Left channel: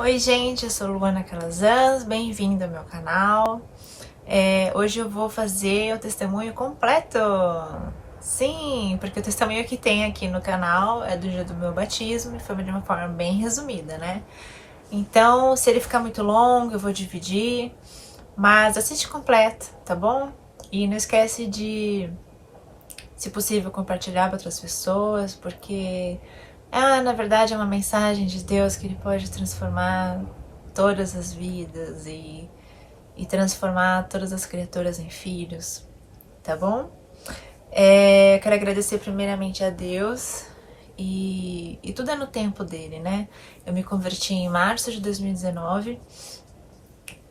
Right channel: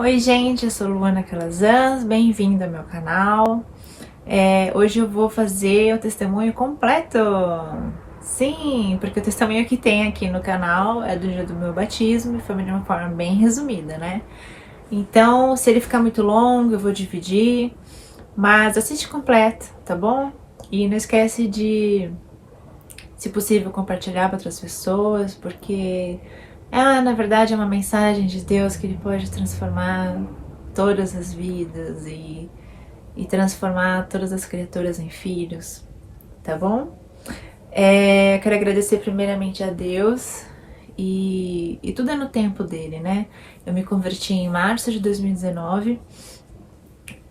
Oi gente, eu sou Luana Calazans, bem-vindo ao meu canal. Hoje eu vou fazer o testemunho completo. Sim, porque o testemunho que tem aqui no canal é do dia do meu batismo e foi de uma forma bem resumida, né? Então, se ele ficar muito longo, eu vou dividir, mas assiste completo, tá bom? E não esquece de, se possível, compartilhar para outras pessoas, porque na verdade é uma mensagem de Deus que Ele pode transformar todas as vidas e transformar todas as criaturas em filhos, tá bom? Quero agradecer primeiramente a Deus e tudo é no tempo dele, né? Eu me converti em março de 2019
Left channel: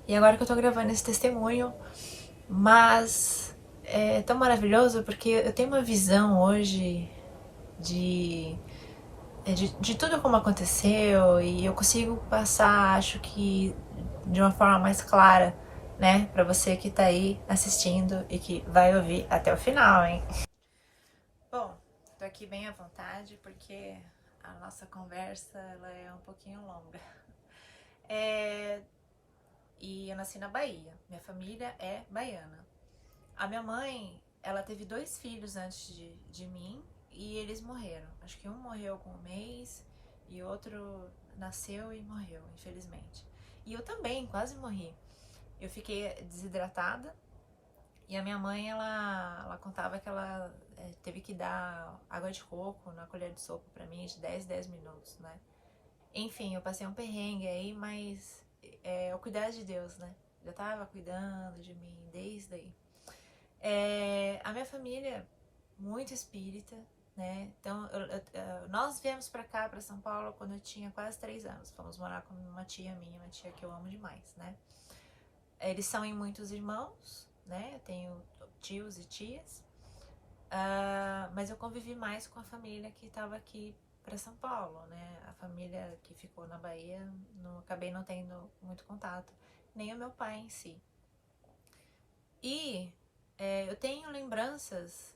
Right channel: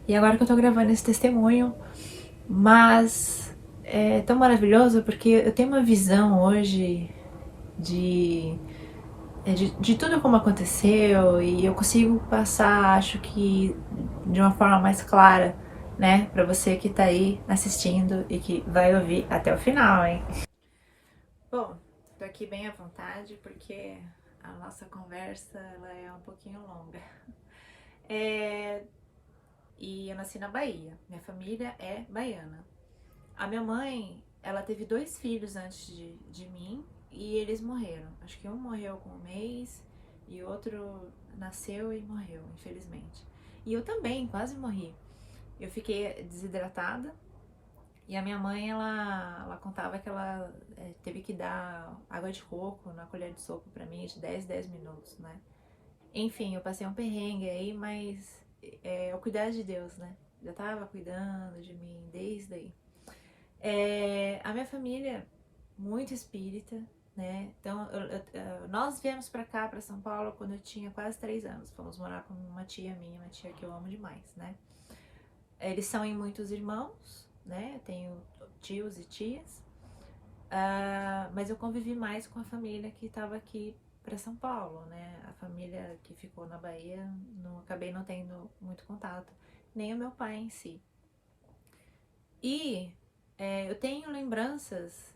e agora que eu tô gravando esse testemunho, mas é tão maravilhoso porque eu tenho uma visão hoje de de tudo como aconteceu e eu consigo passar, acho que de uma forma mais clara, né, para você que tá aí assistindo e que vai ouvir até o final, hein? Bom, tô aqui bem à vontade porque a nossa conversa ela é um pouquinho longa. E eu nasci na Bahia, minha família é baiana. A minha mãe, ela teve 2 filhos antes de mim e eles morreram. Acho que um morreu com 1 mês e outro nasceu e morreu, infelizmente. E eu também quase morri. Eu fiquei desidratada e a minha mãe, ela contava que ela teve que dar água de coco na colher de sopa pra mim de 10 minutos, né? Enfim, eu passei um perrengue aí, mas é o cuidar de Deus, né? Já tava cuidando de mim desde aí. A minha família, muito espírita, né? Então, nós viemos pra cá, pra São Paulo, quando eu tinha quase 3 anos. Fomos morar com uma tia minha, uma tia que eu amo demais, né? Eles são em muitos irmãos, né? Eu tenho tios e tias. Mas eu convivi mais com a família que estava aqui para São Paulo, né? A família que ficou na Bahia, acabei não tendo muito contato, nem o meu pai em si. E eu tenho lembranças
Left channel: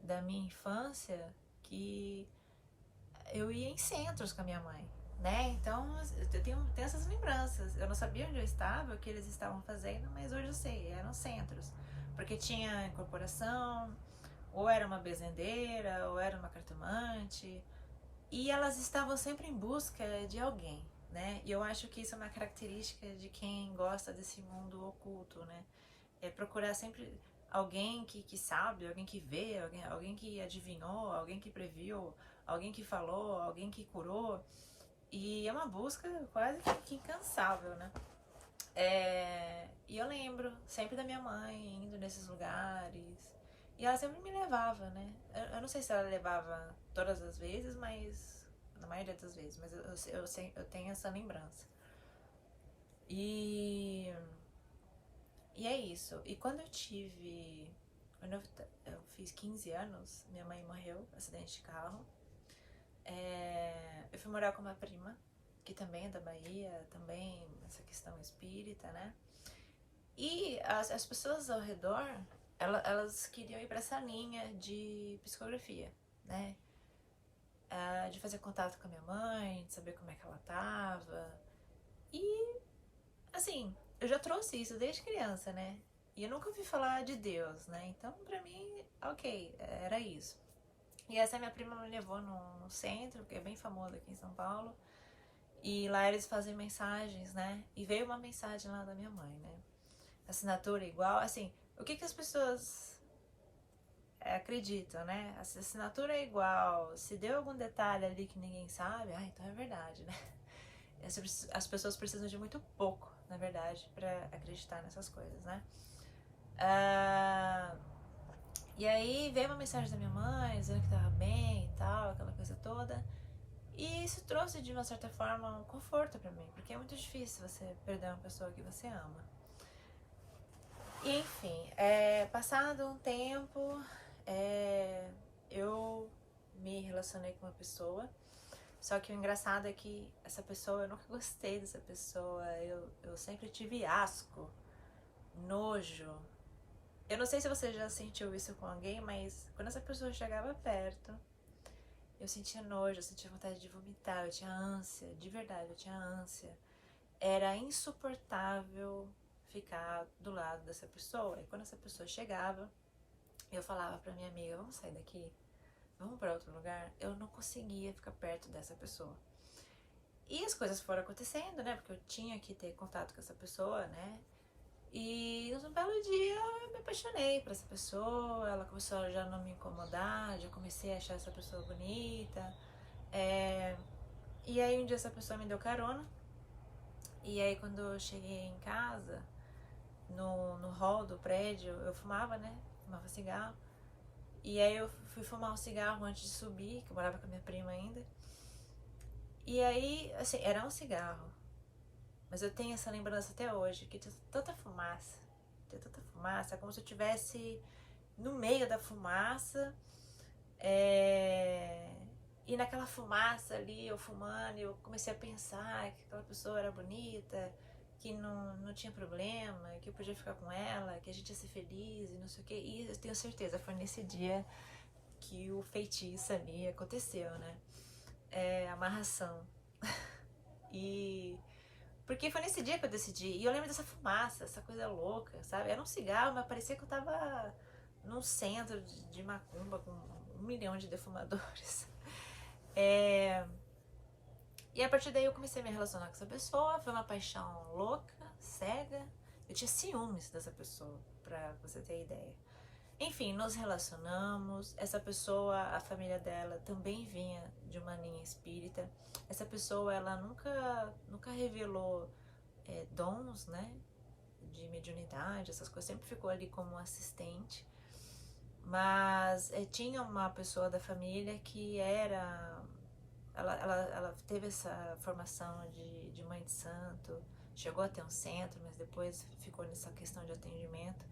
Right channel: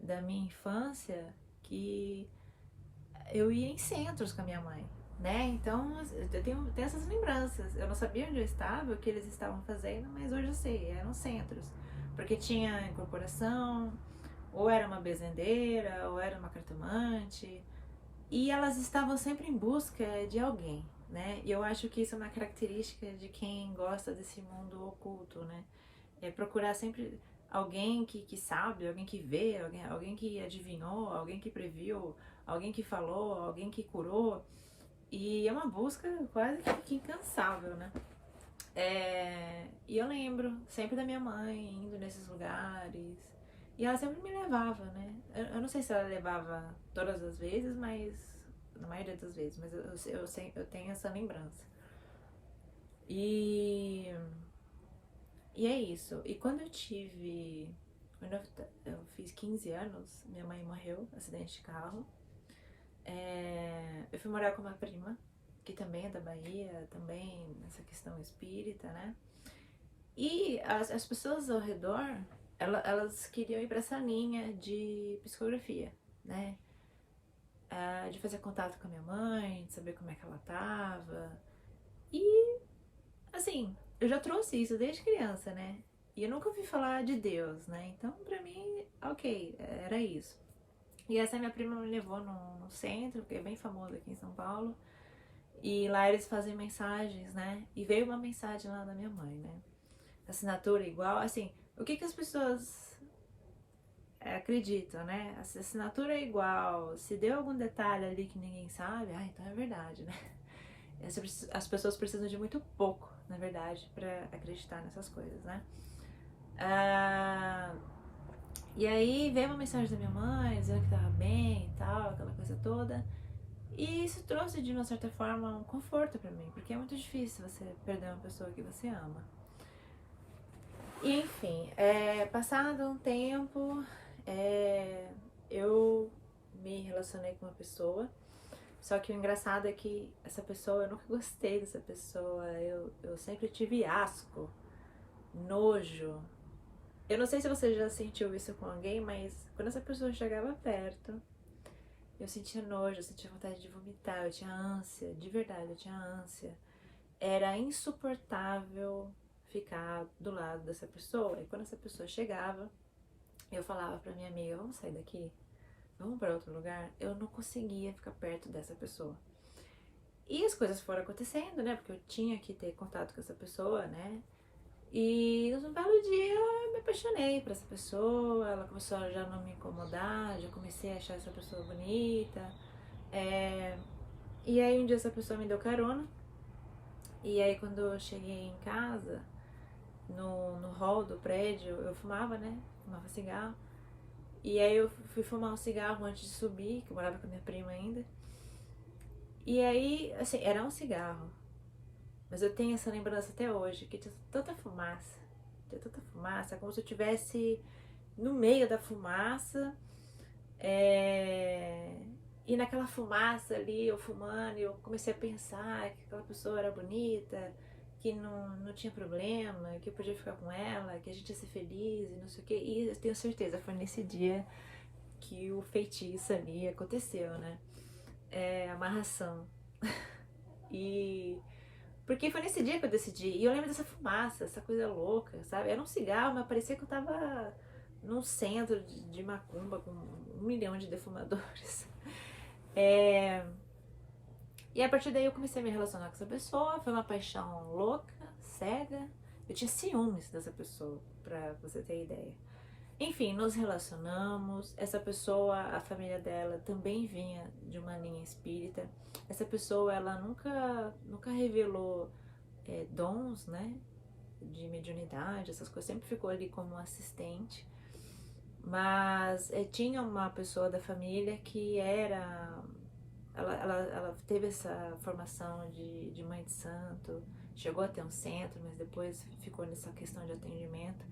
da minha infância que eu ia em centros com a minha mãe, né? Então eu tenho essas lembranças. Eu não sabia onde eu estava, o que eles estavam fazendo, mas hoje eu sei, eram centros. Porque tinha incorporação, ou era uma bezendeira, ou era uma cartomante. E elas estavam sempre em busca de alguém, né? E eu acho que isso é uma característica de quem gosta desse mundo oculto, né? É procurar sempre alguém que sabe, alguém que vê, alguém que adivinhou, alguém que previu, alguém que falou, alguém que curou. E é uma busca quase que incansável, né? E eu lembro sempre da minha mãe indo nesses lugares. E ela sempre me levava, né? Eu não sei se ela levava todas as vezes, mas na maioria das vezes, mas eu tenho essa lembrança. E E é isso. E quando eu tive. Quando eu fiz 15 anos, minha mãe morreu, acidente de carro. Eu fui morar com uma prima, que também é da Bahia, também nessa questão espírita, né? E as pessoas ao redor, elas queriam ir para essa linha de psicografia, né? De fazer contato com a minha mãe, de saber como é que ela tava. E assim, eu já trouxe isso desde criança, né? E eu nunca ouvi falar de Deus, né? Então, pra mim, ok, era isso. E essa minha prima me levou no centro, que é bem famoso aqui em São Paulo. E lá eles fazem mensagens, né? E veio uma mensagem lá da minha mãe, né? Assinatura igual, assim, o que as pessoas acreditam, né? A assinatura é igual, se deu algum detalhe ali que ninguém sabe, então é verdade, né? As pessoas precisam de muito pouco, na verdade, pra acreditar nessas coisas, né? E aí veio uma mensagem da minha mãe dizendo que tava bem e tal, aquela coisa toda. E isso trouxe de uma certa forma um conforto pra mim, porque é muito difícil você perder uma pessoa que você ama. E enfim, passado um tempo, eu me relacionei com uma pessoa. Só que o engraçado é que essa pessoa, eu nunca gostei dessa pessoa, eu sempre tive asco, nojo. Eu não sei se você já sentiu isso com alguém, mas quando essa pessoa chegava perto, eu sentia nojo, eu sentia vontade de vomitar, eu tinha ânsia, de verdade, eu tinha ânsia. era insuportável ficar do lado dessa pessoa. E quando essa pessoa chegava, eu falava pra minha amiga, vamos sair daqui? Vamos para outro lugar? Eu não conseguia ficar perto dessa pessoa. E as coisas foram acontecendo, né? Porque eu tinha que ter contato com essa pessoa, né? E num belo dia eu me apaixonei por essa pessoa, ela começou a já não me incomodar, já comecei a achar essa pessoa bonita. E aí um dia essa pessoa me deu carona, e aí quando eu cheguei em casa, no hall do prédio, eu fumava, né? Fumava cigarro. E aí eu fui fumar um cigarro antes de subir, que eu morava com a minha prima ainda. E aí, assim, era um cigarro. Mas eu tenho essa lembrança até hoje, que tinha tanta fumaça. Tinha tanta fumaça, como se eu estivesse no meio da fumaça. E naquela fumaça ali, eu fumando, eu comecei a pensar que aquela pessoa era bonita, que não tinha problema, que eu podia ficar com ela, que a gente ia ser feliz e não sei o que. E eu tenho certeza, foi nesse dia que o feitiço ali aconteceu, né? Amarração. E porque foi nesse dia que eu decidi. E eu lembro dessa fumaça, essa coisa louca, sabe? Era um cigarro, mas parecia que eu tava num centro de macumba com 1 milhão de defumadores. E a partir daí eu comecei a me relacionar com essa pessoa. Foi uma paixão louca, cega. Eu tinha ciúmes dessa pessoa, pra você ter ideia. Enfim, nos relacionamos. Essa pessoa, a família dela também vinha de uma linha espírita. Essa pessoa, ela nunca revelou dons, né? De mediunidade, essas coisas. Sempre ficou ali como assistente. Mas tinha uma pessoa da família que era... Ela teve essa formação de mãe de santo, chegou a ter um centro, mas depois ficou nessa questão de atendimento.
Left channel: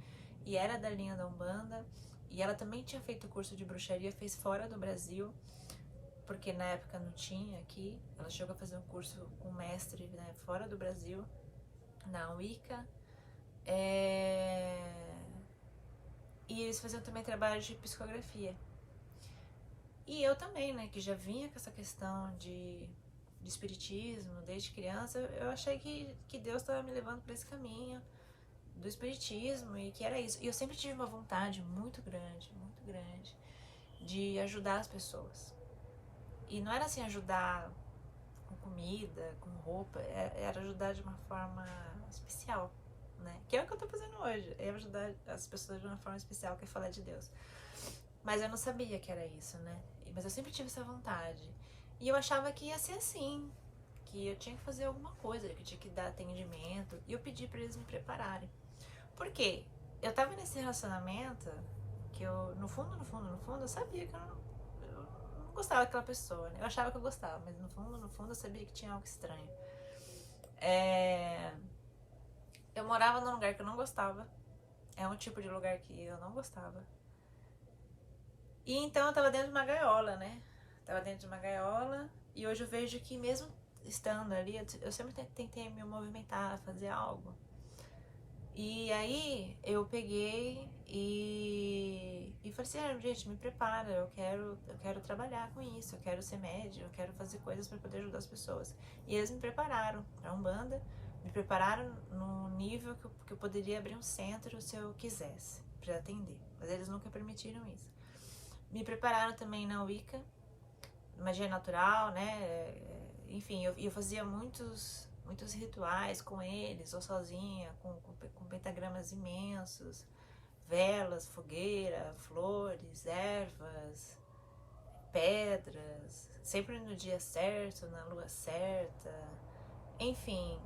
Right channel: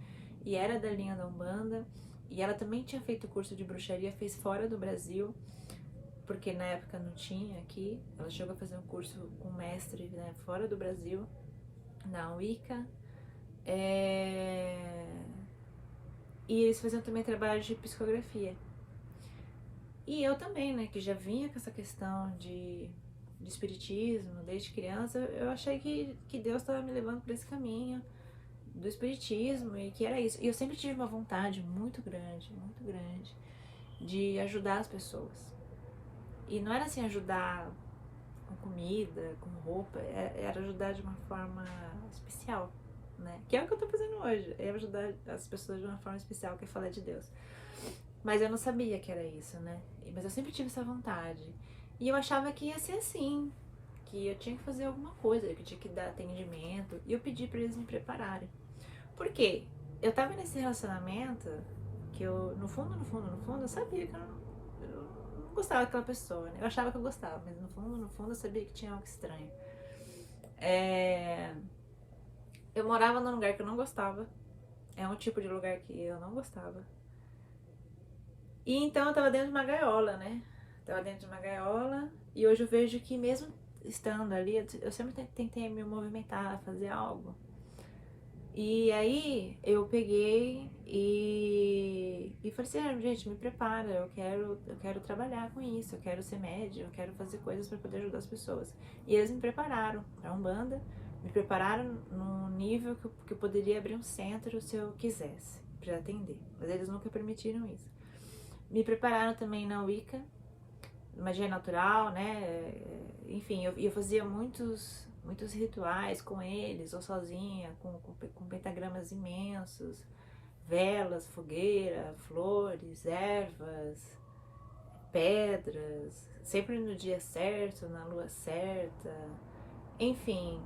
E era da linha da Umbanda. E ela também tinha feito curso de bruxaria, fez fora do Brasil, porque na época não tinha aqui. Ela chegou a fazer um curso com mestre, né, fora do Brasil, na Wicca. E eles faziam também trabalho de psicografia. E eu também, né, que já vinha com essa questão de espiritismo desde criança, eu achei que Deus estava me levando para esse caminho do espiritismo e que era isso. E eu sempre tive uma vontade muito grande de ajudar as pessoas. E não era assim ajudar com comida, com roupa, era ajudar de uma forma especial, né? Que é o que eu tô fazendo hoje, é ajudar as pessoas de uma forma especial, que é falar de Deus. Mas eu não sabia que era isso, né? Mas eu sempre tive essa vontade. E eu achava que ia ser assim, que eu tinha que fazer alguma coisa, que eu tinha que dar atendimento. E eu pedi pra eles me prepararem. Por quê? Eu tava nesse relacionamento que eu, no fundo, eu sabia que eu não gostava daquela pessoa, né? Eu achava que eu gostava, mas no fundo, eu sabia que tinha algo estranho. Eu morava num lugar que eu não gostava. É um tipo de lugar que eu não gostava. E então eu tava dentro de uma gaiola, né? Tava dentro de uma gaiola. E hoje eu vejo que mesmo estando ali, eu sempre tentei me movimentar, fazer algo. E aí eu peguei e falei assim, gente, me prepara, eu quero trabalhar com isso, eu quero ser médium, eu quero fazer coisas para poder ajudar as pessoas. E eles me prepararam para Umbanda, me prepararam num nível que eu poderia abrir um centro se eu quisesse, para atender. Mas eles nunca permitiram isso. Me prepararam também na Wicca, magia natural, né? Enfim, eu fazia muitos rituais com eles, ou sozinha, com pentagramas imensos, velas, fogueira, flores, ervas, pedras, sempre no dia certo, na lua certa, enfim.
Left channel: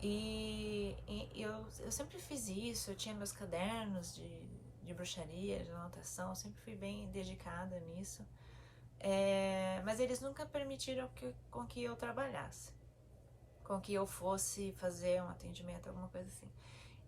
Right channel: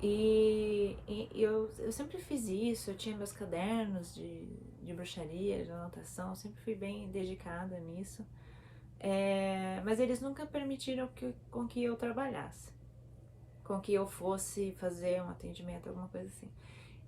E eu sempre fiz isso, eu tinha meus cadernos de bruxaria, de anotação, eu sempre fui bem dedicada nisso. Mas eles nunca permitiram com que eu trabalhasse, com que eu fosse fazer um atendimento, alguma coisa assim.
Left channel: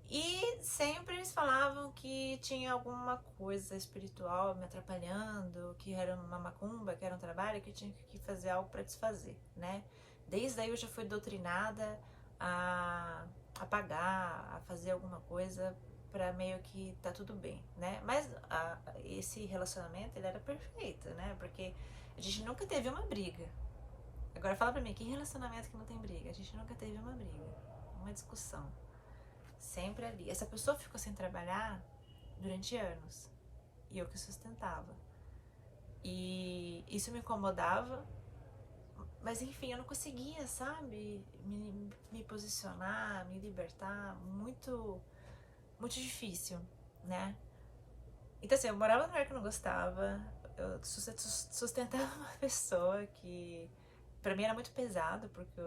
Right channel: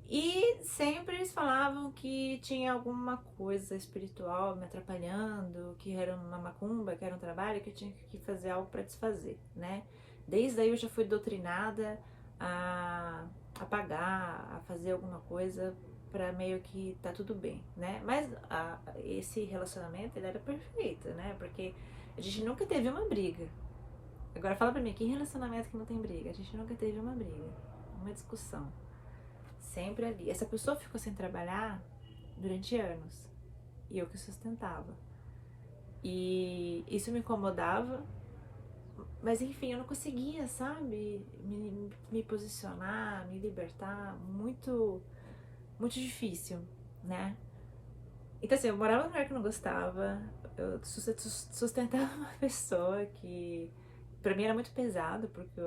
E sempre eles falavam que tinha alguma coisa espiritual me atrapalhando, que era uma macumba, que era um trabalho, que eu tinha que fazer algo para desfazer, né? Desde aí eu já fui doutrinada a pagar, a fazer alguma coisa para meio que tá tudo bem, né? Mas esse relacionamento, ele era perfeito, né? Porque a gente nunca teve uma briga. Agora fala pra mim, que relacionamento que não tem briga? A gente nunca teve uma briga, uma discussão. Sempre ali. Essa pessoa ficou sem trabalhar durante anos. E eu que sustentava. E isso me incomodava. Mas enfim, eu não conseguia, sabe? Me posicionar, me libertar. Muito, muito difícil, né? Então assim, eu morava num lugar que eu não gostava. Eu sustentava uma pessoa que pra mim era muito pesado, porque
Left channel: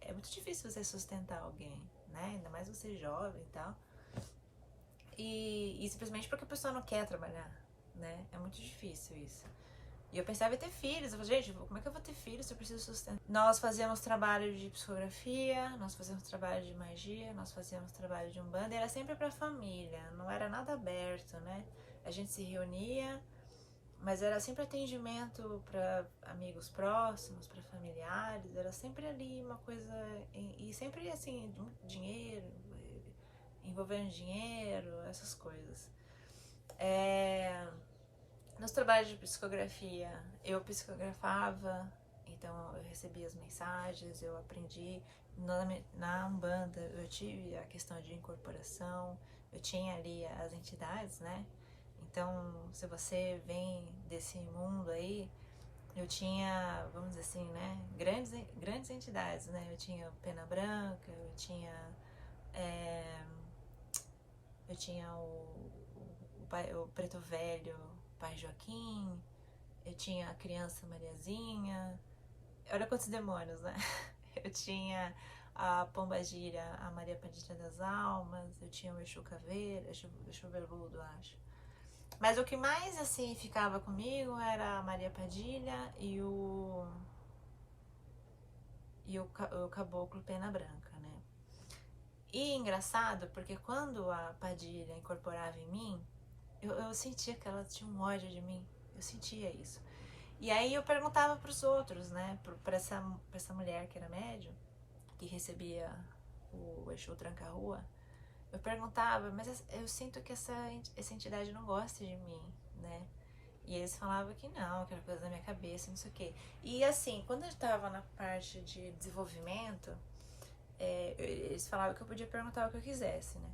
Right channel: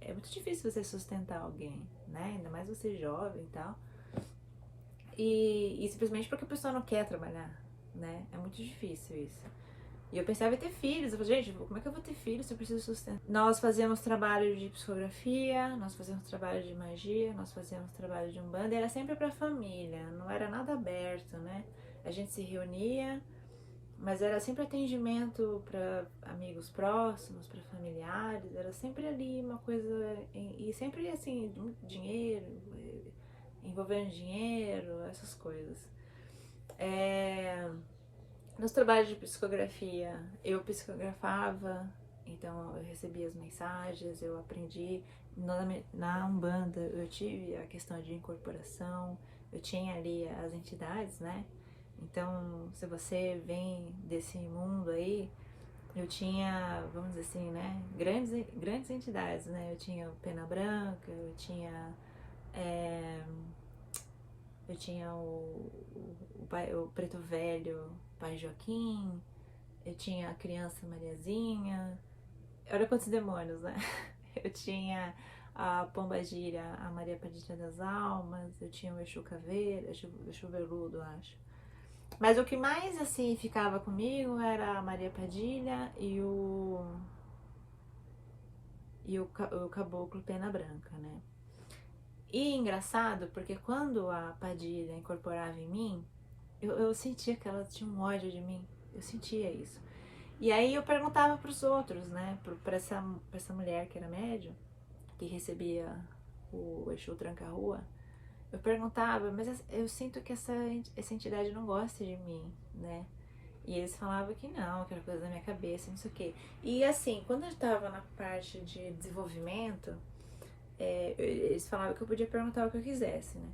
é muito difícil você sustentar alguém, né? Ainda mais você jovem e tal. E simplesmente porque a pessoa não quer trabalhar, né? É muito difícil isso. E eu pensava em ter filhos. Eu falei, gente, como é que eu vou ter filhos se eu preciso sustentar? Nós fazíamos trabalho de psicografia, nós fazíamos trabalho de magia, nós fazíamos trabalho de umbanda, e era sempre pra família, não era nada aberto, né? A gente se reunia, mas era sempre atendimento para amigos próximos, para familiares, era sempre ali uma coisa, e sempre assim, dinheiro, envolvendo dinheiro, essas coisas. Nos trabalhos de psicografia, eu psicografava, então eu recebia as mensagens, eu aprendi. Na Umbanda eu tive a questão de incorporação, eu tinha ali as entidades, né? Então, se você vem desse mundo aí, eu tinha, vamos dizer assim, né? Grandes entidades, né? Eu tinha o Pena Branca, eu tinha o Preto Velho, Pai Joaquim, eu tinha a Criança Mariazinha, olha quantos demônios, né? Eu tinha a Pombagira, a Maria Padilha das Almas, eu tinha o Exu Caveira, Exu Veludo, acho. Mas o que mais, assim, ficava comigo era a Maria Padilha o Caboclo Pena Branca, né? E engraçado, porque quando a Padilha incorporava em mim, eu sentia que ela tinha um ódio de mim. Eu sentia isso. E aí eu perguntava para os outros, né? Pra essa mulher que era médium, que recebia o Exu Tranca-Rua. Eu perguntava, mas eu sinto que essa entidade não gosta de mim, né? E eles falavam que não, que era coisa da minha cabeça, não sei o quê. E assim, quando eu estava na parte de desenvolvimento, eles falavam que eu podia perguntar o que eu quisesse, né?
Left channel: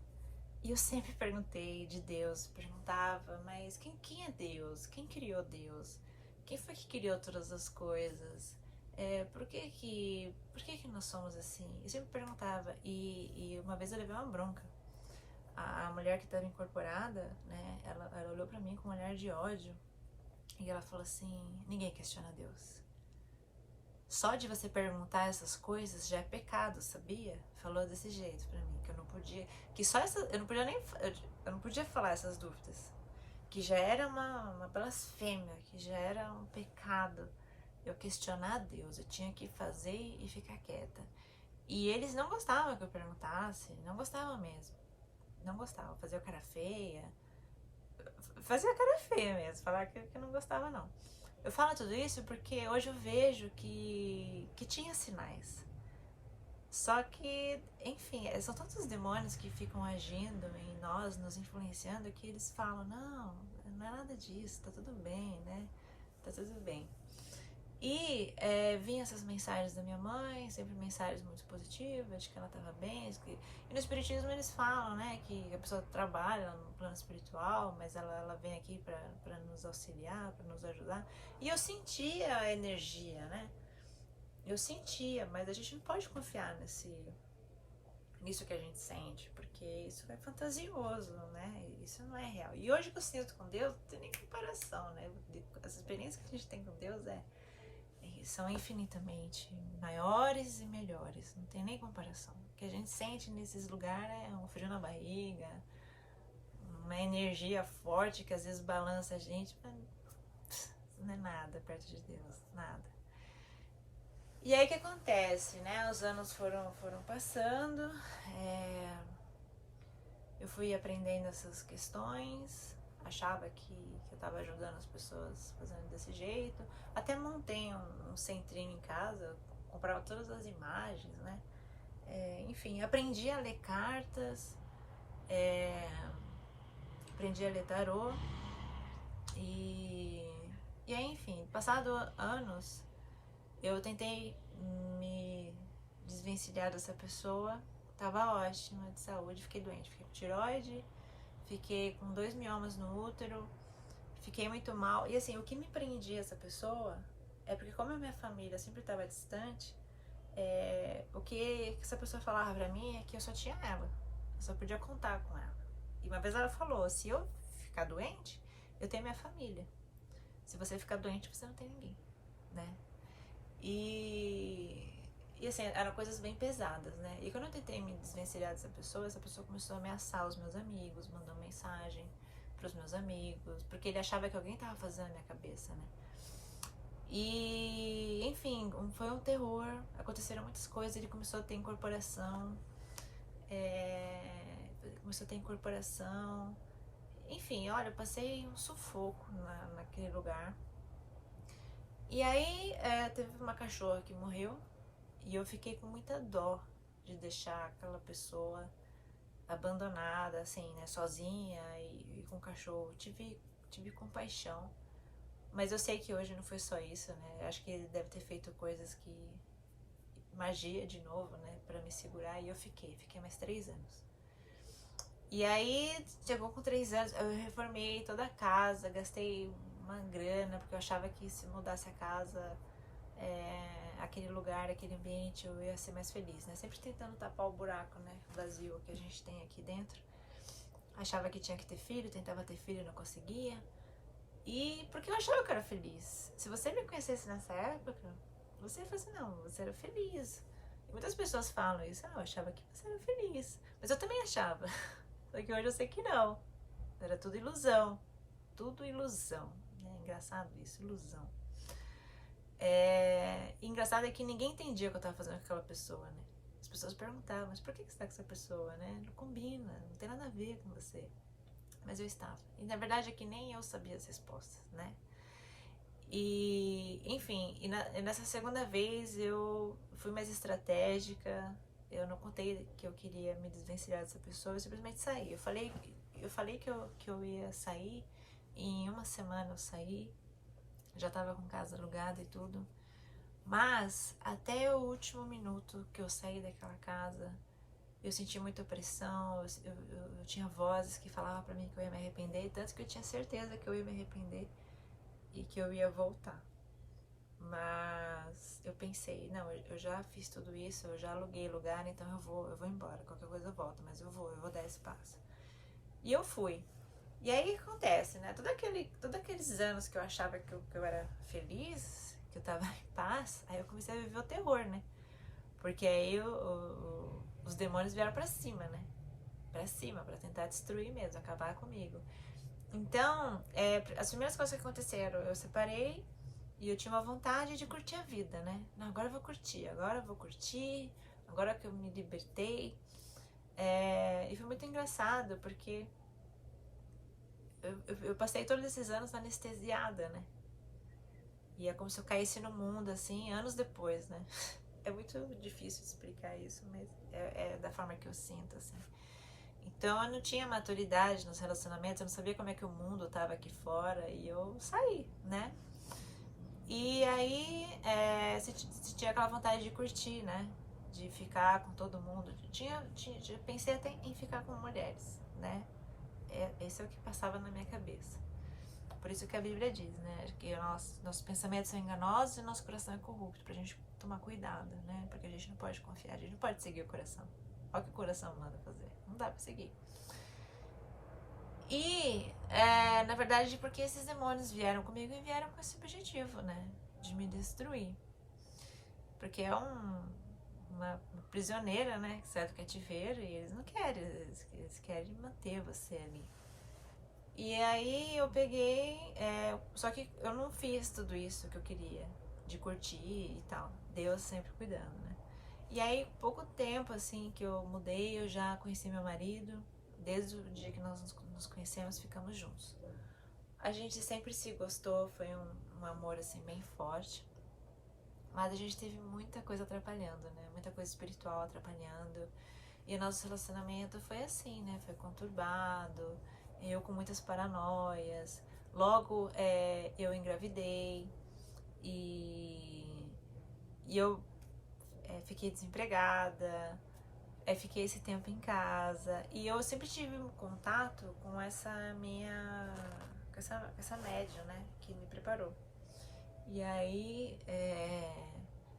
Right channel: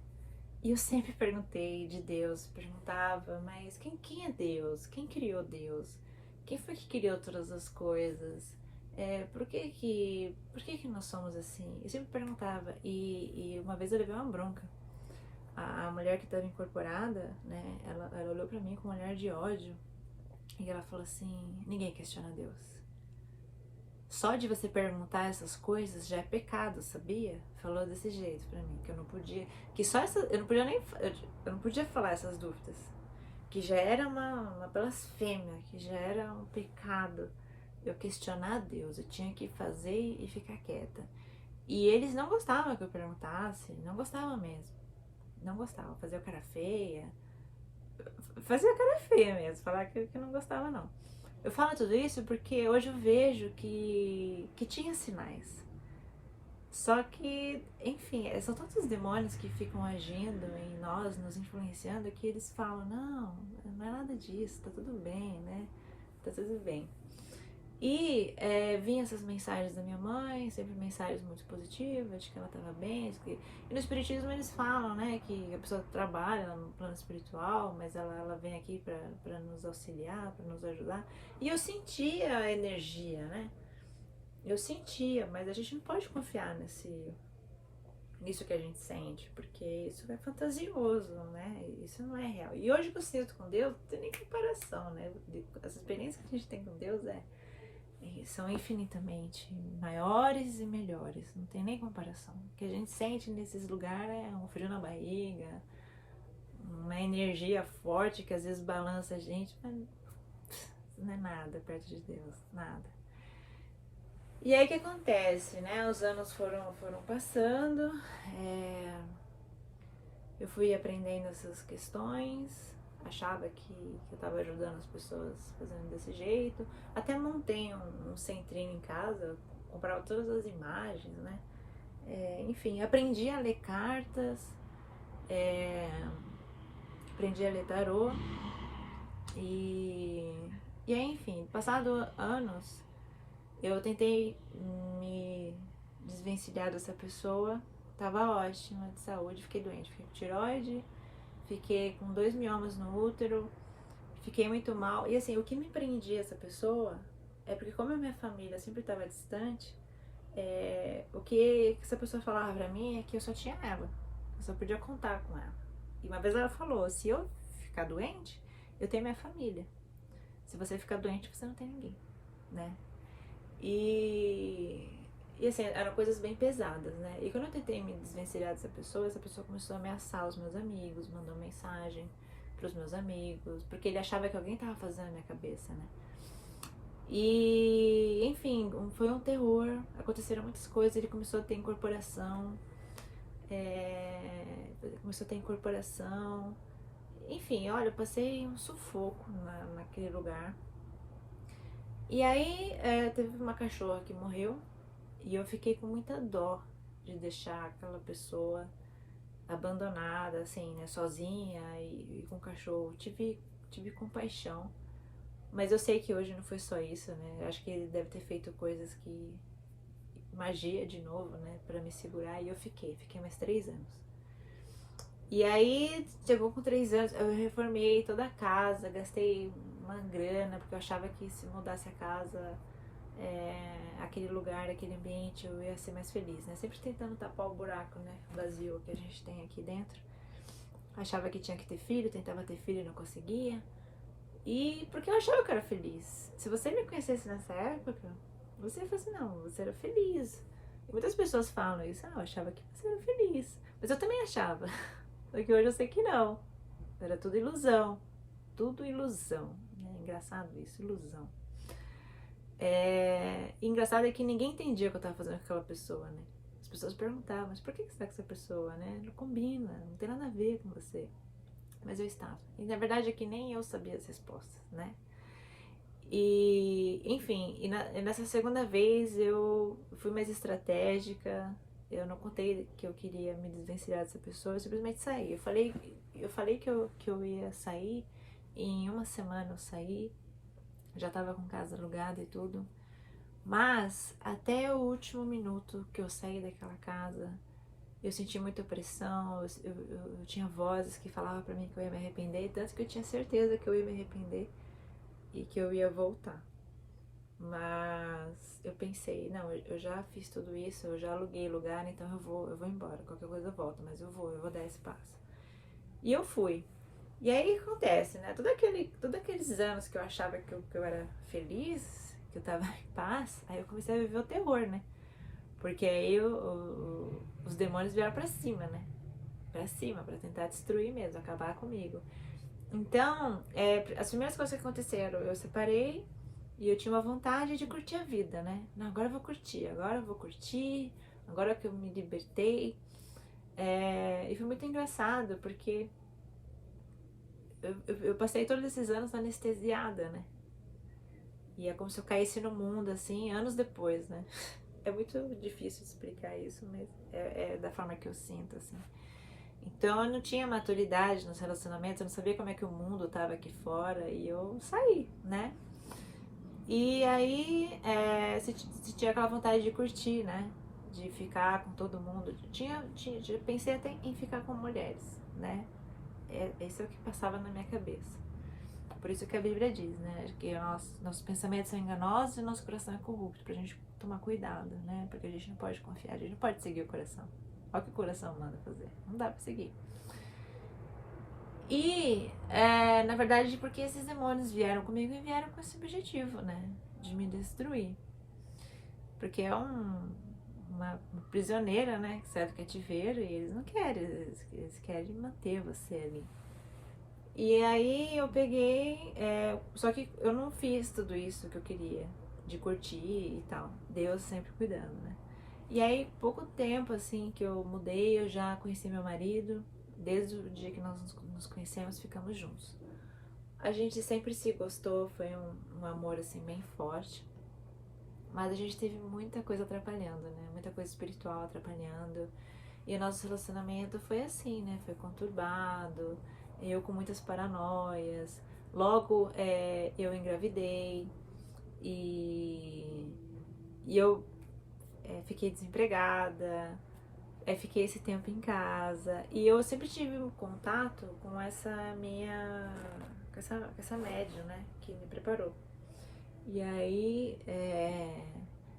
E eu sempre perguntei de Deus, perguntava, mas quem é Deus? Quem criou Deus? Quem foi que criou todas as coisas? Por que que nós somos assim? Eu sempre perguntava, e uma vez eu levei uma bronca. A mulher que estava incorporada, né, ela olhou pra mim com um olhar de ódio, e ela falou assim, ninguém questiona Deus. Só de você perguntar essas coisas já é pecado, sabia? Falou desse jeito pra mim, que eu não podia, que só essa, eu não podia falar essas dúvidas, que já era uma blasfêmia, que já era um pecado eu questionar Deus, eu tinha que fazer e ficar quieta. E eles não gostavam que eu perguntasse, não gostavam mesmo, não gostavam, fazia cara feia mesmo, falar que não gostava não. Eu falo tudo isso porque hoje eu vejo que tinha sinais. Só que, enfim, são tantos demônios que ficam agindo em nós, nos influenciando, que eles falam, não é nada disso, tá tudo bem, né? Tá tudo bem. E vinham essas mensagens da minha mãe, sempre mensagens muito positivas, de que ela estava bem. E no Espiritismo eles falam, né, que a pessoa trabalha no plano espiritual, mas ela vem aqui para nos auxiliar, para nos ajudar. E eu sentia a energia, né? Eu sentia, mas a gente não pode confiar nisso que a gente sente, porque isso é fantasioso, né? Isso não é real. E hoje que eu sinto com Deus, não tem nem comparação, né? As experiências que a gente tem com Deus são infinitamente maiores e melhores, não tem nem comparação. O que a gente sente nesses lugares é um frio na barriga, uma energia forte que às vezes balança a gente, mas não é nada perto de Deus, nada. E aí o que acontece, né? Os anos foram passando, eu fui aprendendo essas questões, achava que eu estava ajudando as pessoas fazendo desse jeito. Até montei um centrinho em casa, comprava todas as imagens, né? Enfim, aprendi a ler cartas, aprendi a ler tarô. E aí, enfim, passado anos, Eu tentei me desvencilhar dessa pessoa, tava ótima de saúde, fiquei doente, fiquei com tireoide, fiquei com 2 miomas no útero, fiquei muito mal. E assim, o que me prendia essa pessoa é porque como a minha família sempre estava distante, o que essa pessoa falava pra mim é que eu só tinha ela, eu só podia contar com ela. E uma vez ela falou, se eu ficar doente, eu tenho minha família. Se você ficar doente, você não tem ninguém, né? E assim, eram coisas bem pesadas, né? E quando eu tentei me desvencilhar dessa pessoa, essa pessoa começou a ameaçar os meus amigos, mandou mensagem pros meus amigos, porque ele achava que alguém tava fazendo a minha cabeça, né? E, enfim, foi um terror, aconteceram muitas coisas, ele começou a ter incorporação, começou a ter incorporação, enfim, olha, eu passei um sufoco naquele lugar. E aí teve uma cachorra que morreu e eu fiquei com muita dó de deixar aquela pessoa abandonada, assim, né, sozinha e com o cachorro. Tive compaixão, mas eu sei que hoje não foi só isso, né? Eu acho que ele deve ter feito coisas que magia de novo, né, para me segurar e eu fiquei mais 3 anos. E aí, chegou com 3 anos, eu reformei toda a casa, gastei uma grana, porque eu achava que se mudasse a casa, aquele lugar, aquele ambiente, eu ia ser mais feliz, né? Sempre tentando tapar o buraco, né, vazio que a gente tem aqui dentro. Achava que tinha que ter filho, tentava ter filho e não conseguia. E porque eu achava que eu era feliz. Se você me conhecesse nessa época, você ia falar assim, não, você era feliz. E muitas pessoas falam isso, eu achava que você era feliz. Mas eu também achava. Só que hoje eu sei que não. Era tudo ilusão. Tudo ilusão. É engraçado isso, ilusão. E engraçado é que ninguém entendia o que eu tava fazendo com aquela pessoa, né? As pessoas perguntavam, mas por que você tá com essa pessoa, né? Não combina, não tem nada a ver com você. Mas eu estava. E na verdade é que nem eu sabia as respostas, né? E, enfim, nessa segunda vez eu fui mais estratégica. Eu não contei que eu queria me desvencilhar dessa pessoa, eu simplesmente saí. Eu falei que eu ia sair, e em uma semana eu saí, já tava com casa alugada e tudo. Mas até o último minuto que eu saí daquela casa, eu senti muita pressão, eu tinha vozes que falavam pra mim que eu ia me arrepender, tanto que eu tinha certeza que eu ia me arrepender e que eu ia voltar. Mas eu pensei, não, eu já fiz tudo isso, eu já aluguei lugar, então eu vou embora, qualquer coisa eu volto, mas eu vou dar esse passo. E eu fui. E aí o que acontece, né? Todos aqueles anos que eu achava que eu era feliz, que eu tava em paz, aí eu comecei a viver o terror, né? Porque aí os demônios vieram pra cima, né? Pra cima, pra tentar destruir mesmo, acabar comigo. Então, as primeiras coisas que aconteceram, eu separei e eu tinha uma vontade de curtir a vida, né? Não, agora eu vou curtir, agora que eu me libertei. E foi muito engraçado, porque eu passei todos esses anos anestesiada, né? E é como se eu caísse no mundo, assim, anos depois, né? É muito difícil explicar isso, mas é da forma que eu sinto, assim. Então eu não tinha maturidade nos relacionamentos, eu não sabia como é que o mundo tava aqui fora e eu saí, né? E aí se tinha aquela vontade de curtir, né? De ficar com todo mundo. Pensei até em ficar com mulheres, né? Esse é o que passava na minha cabeça. Por isso que a Bíblia diz, né? Que nossos pensamentos são enganosos e nosso coração é corrupto. Pra gente tomar cuidado, né? Porque a gente não pode confiar, a gente não pode seguir o coração. Olha o que o coração manda fazer. Não dá pra seguir. E, na verdade, porque esses demônios vieram comigo e vieram com esse objetivo, né? De me destruir. Porque é uma prisioneira, né? Que sai do cativeiro e eles não querem, eles querem manter você ali. E aí eu peguei, só que eu não fiz tudo isso que eu queria, de curtir e tal. Deus sempre cuidando, né? E aí, pouco tempo assim que eu mudei, eu já conheci meu marido. Desde o dia que nós nos conhecemos, ficamos juntos. A gente sempre se gostou, foi um amor assim bem forte. Mas a gente teve muita coisa atrapalhando, né? Muita coisa espiritual atrapalhando. E o nosso relacionamento foi assim, né? Foi conturbado, eu com muitas paranoias. Logo eu engravidei e E eu fiquei desempregada, fiquei esse tempo em casa. E eu sempre tive um contato com essa minha... com essa médium, né? Que me preparou. E aí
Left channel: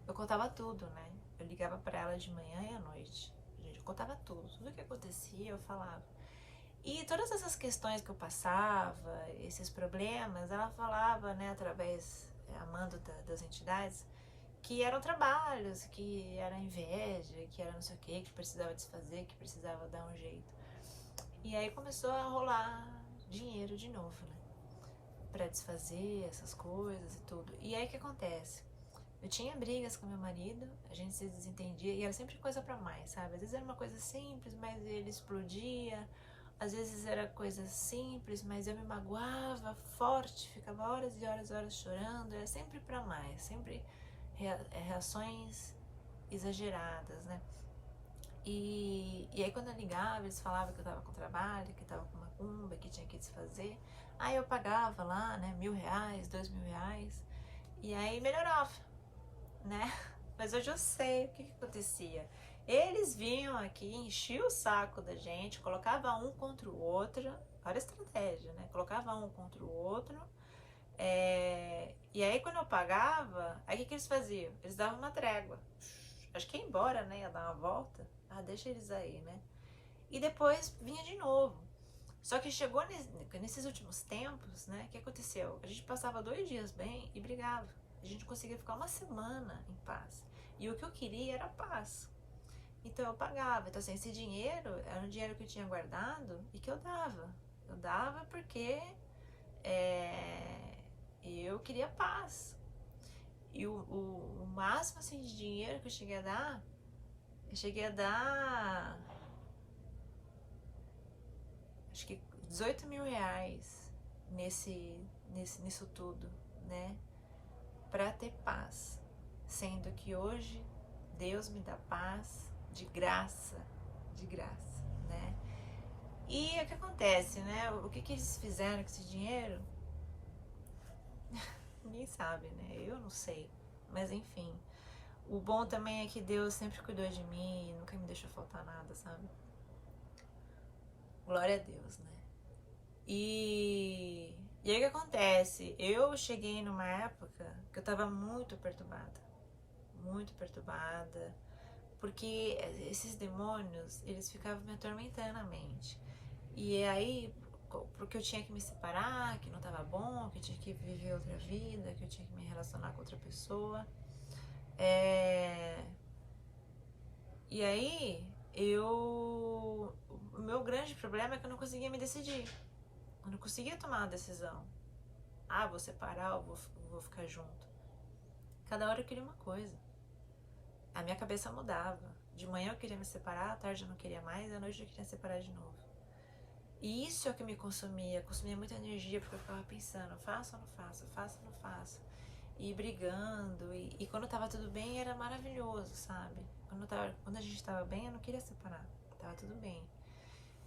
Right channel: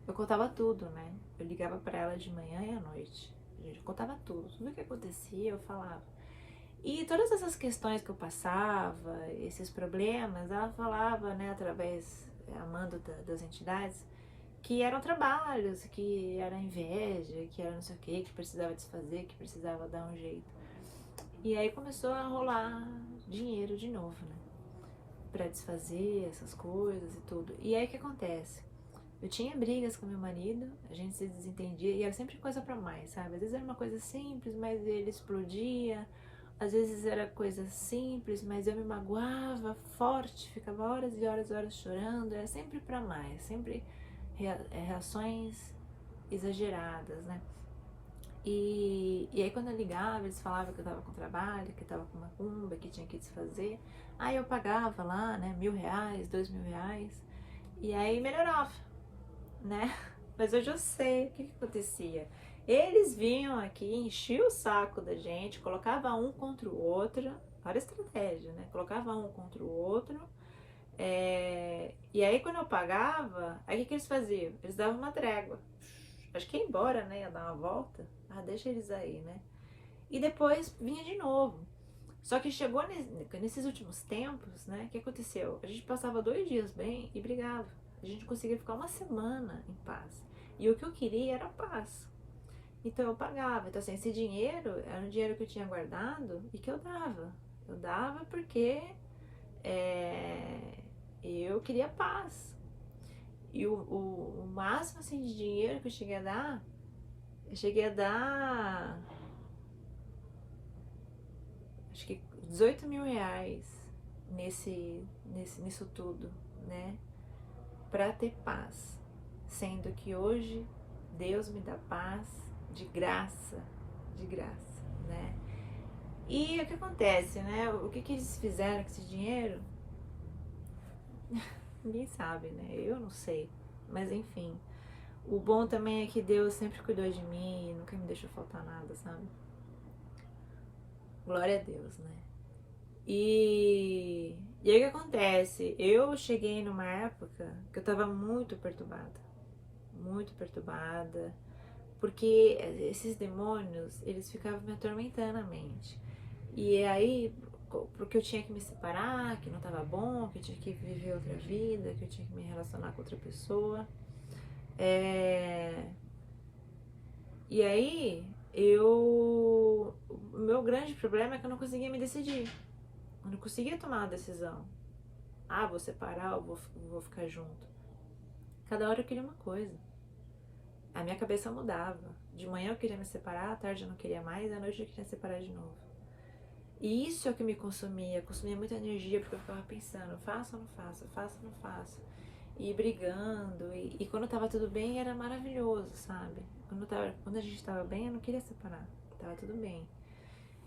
eu contava tudo, né? Eu ligava pra ela de manhã e à noite. Eu contava tudo que acontecia, eu falava. E todas essas questões que eu passava, esses problemas, ela falava, né, através, a mando das entidades, que eram trabalhos, que era inveja, que era não sei o que precisava desfazer, que precisava dar um jeito. E aí começou a rolar dinheiro de novo, né? Pra desfazer essas coisas e tudo. E aí o que acontece? Eu tinha brigas com meu marido, a gente se desentendia e era sempre coisa pra mais, sabe? Às vezes era uma coisa simples, mas ele explodia. Às vezes era coisa simples, mas eu me magoava forte, ficava horas e horas e horas chorando. Era sempre pra mais, sempre reações exageradas, né? E aí quando eu ligava, eles falavam que eu tava com trabalho, que tava com macumba, que tinha que desfazer. Aí eu pagava lá, né, R$1.000, R$2.000. E aí melhorava, né? Mas hoje eu sei o que acontecia. Eles vinham aqui, enchiam o saco da gente, colocava um contra o outro, olha a estratégia, né? Colocava um contra o outro. E aí quando eu pagava, aí o que eles faziam? Eles davam uma trégua. Acho que ia embora, né? Ia dar uma volta. Ah, deixa eles aí, né? E depois vinha de novo. Só que chegou nesses últimos tempos, né? O que aconteceu? A gente passava 2 dias bem e brigava. A gente conseguia ficar uma semana em paz. E o que eu queria era paz. Então eu pagava. Então, assim, esse dinheiro era um dinheiro que eu tinha guardado e que eu dava. Eu dava porque eu queria paz. E o máximo assim, de dinheiro que eu cheguei a dar acho que R$18.000 nisso tudo, né? Pra ter paz. Sendo que hoje Deus me dá paz de graça, né? E o que acontece, né? O que eles fizeram com esse dinheiro? Ninguém sabe, né? Eu não sei. Mas enfim. O bom também é que Deus sempre cuidou de mim e nunca me deixou faltar nada, sabe? Glória a Deus, né? E aí o que acontece? Eu cheguei numa época que eu tava muito perturbada, porque esses demônios, eles ficavam me atormentando a mente. E aí, porque eu tinha que me separar, que não tava bom, que eu tinha que viver outra vida, que eu tinha que me relacionar com outra pessoa. E aí, o meu grande problema é que eu não conseguia me decidir. Eu não conseguia tomar uma decisão. Ah, vou separar ou vou ficar junto. Cada hora eu queria uma coisa. A minha cabeça mudava. De manhã eu queria me separar, à tarde eu não queria mais, à noite eu queria separar de novo. E isso é o que me consumia muita energia, porque eu ficava pensando, faço ou não faço, faço ou não faço. E brigando, e quando tava tudo bem era maravilhoso, sabe? Quando a gente tava bem eu não queria separar, tava tudo bem.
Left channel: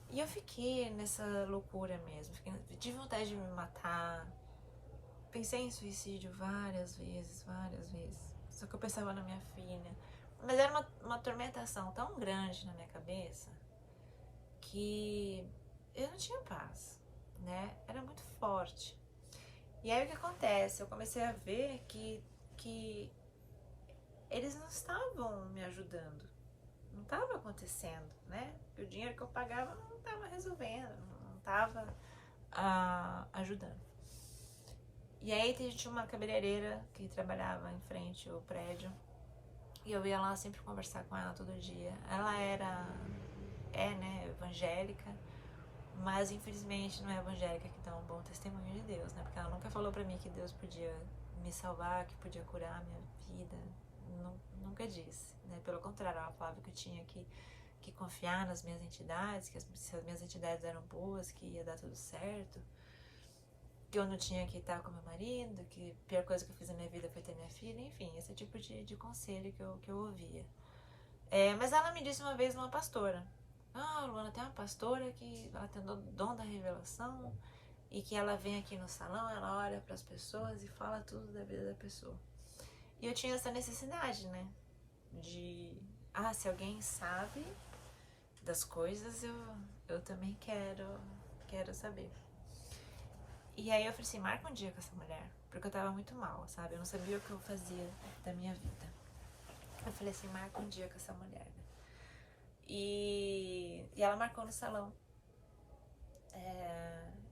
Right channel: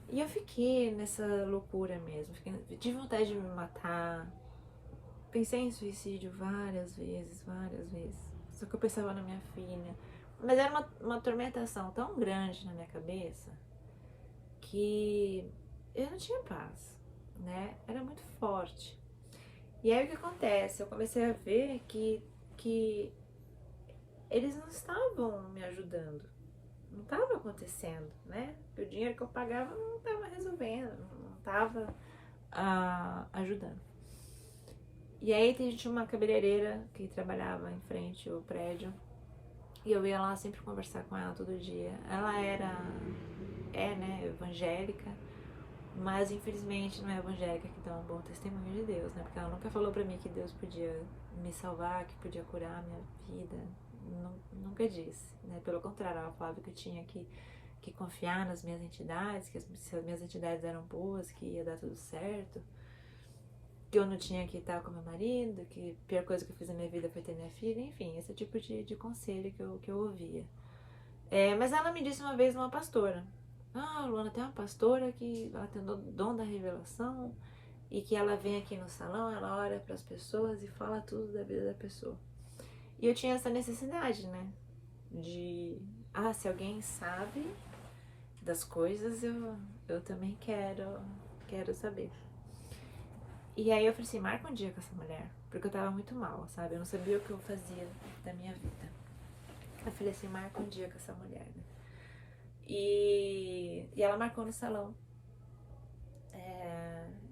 E eu fiquei nessa loucura mesmo, tive vontade de me matar, pensei em suicídio várias vezes. Só que eu pensava na minha filha. Mas era uma tormentação tão grande na minha cabeça que eu não tinha paz, né? Era muito forte. E aí o que acontece? Eu comecei a ver que eles não estavam me ajudando. Não estava acontecendo, né? O dinheiro que eu pagava não estava resolvendo, não estava ajudando. E aí tinha uma cabeleireira que trabalhava em frente ao prédio e eu ia lá sempre conversar com ela todo dia. Ela né, evangélica, mas infelizmente não é evangélica que dá um bom testemunho de Deus, né? Porque ela nunca falou pra mim que Deus podia me salvar, que podia curar a minha vida. Nunca disse, né? Pelo contrário, ela falava que eu tinha que confiar nas minhas entidades, que se as minhas entidades eram boas, que ia dar tudo certo, que eu não tinha que estar com meu marido, que a pior coisa que eu fiz na minha vida foi ter minha filha, enfim, esse tipo de conselho que eu ouvia. Mas ela me disse uma vez uma pastora, Luana, tem uma pastora que ela tem o dom da revelação e que ela vem aqui no salão, ela olha para as pessoas e fala tudo da vida da pessoa. E eu tinha essa necessidade, né? Se alguém sabe das coisas, eu também quero saber. E aí eu falei assim, marca um dia com essa mulher, porque eu tava muito mal, sabe? Eu não sabia o que eu fazia da minha vida. Eu falei assim, marca um dia com essa mulher, né? E ela marcou no salão.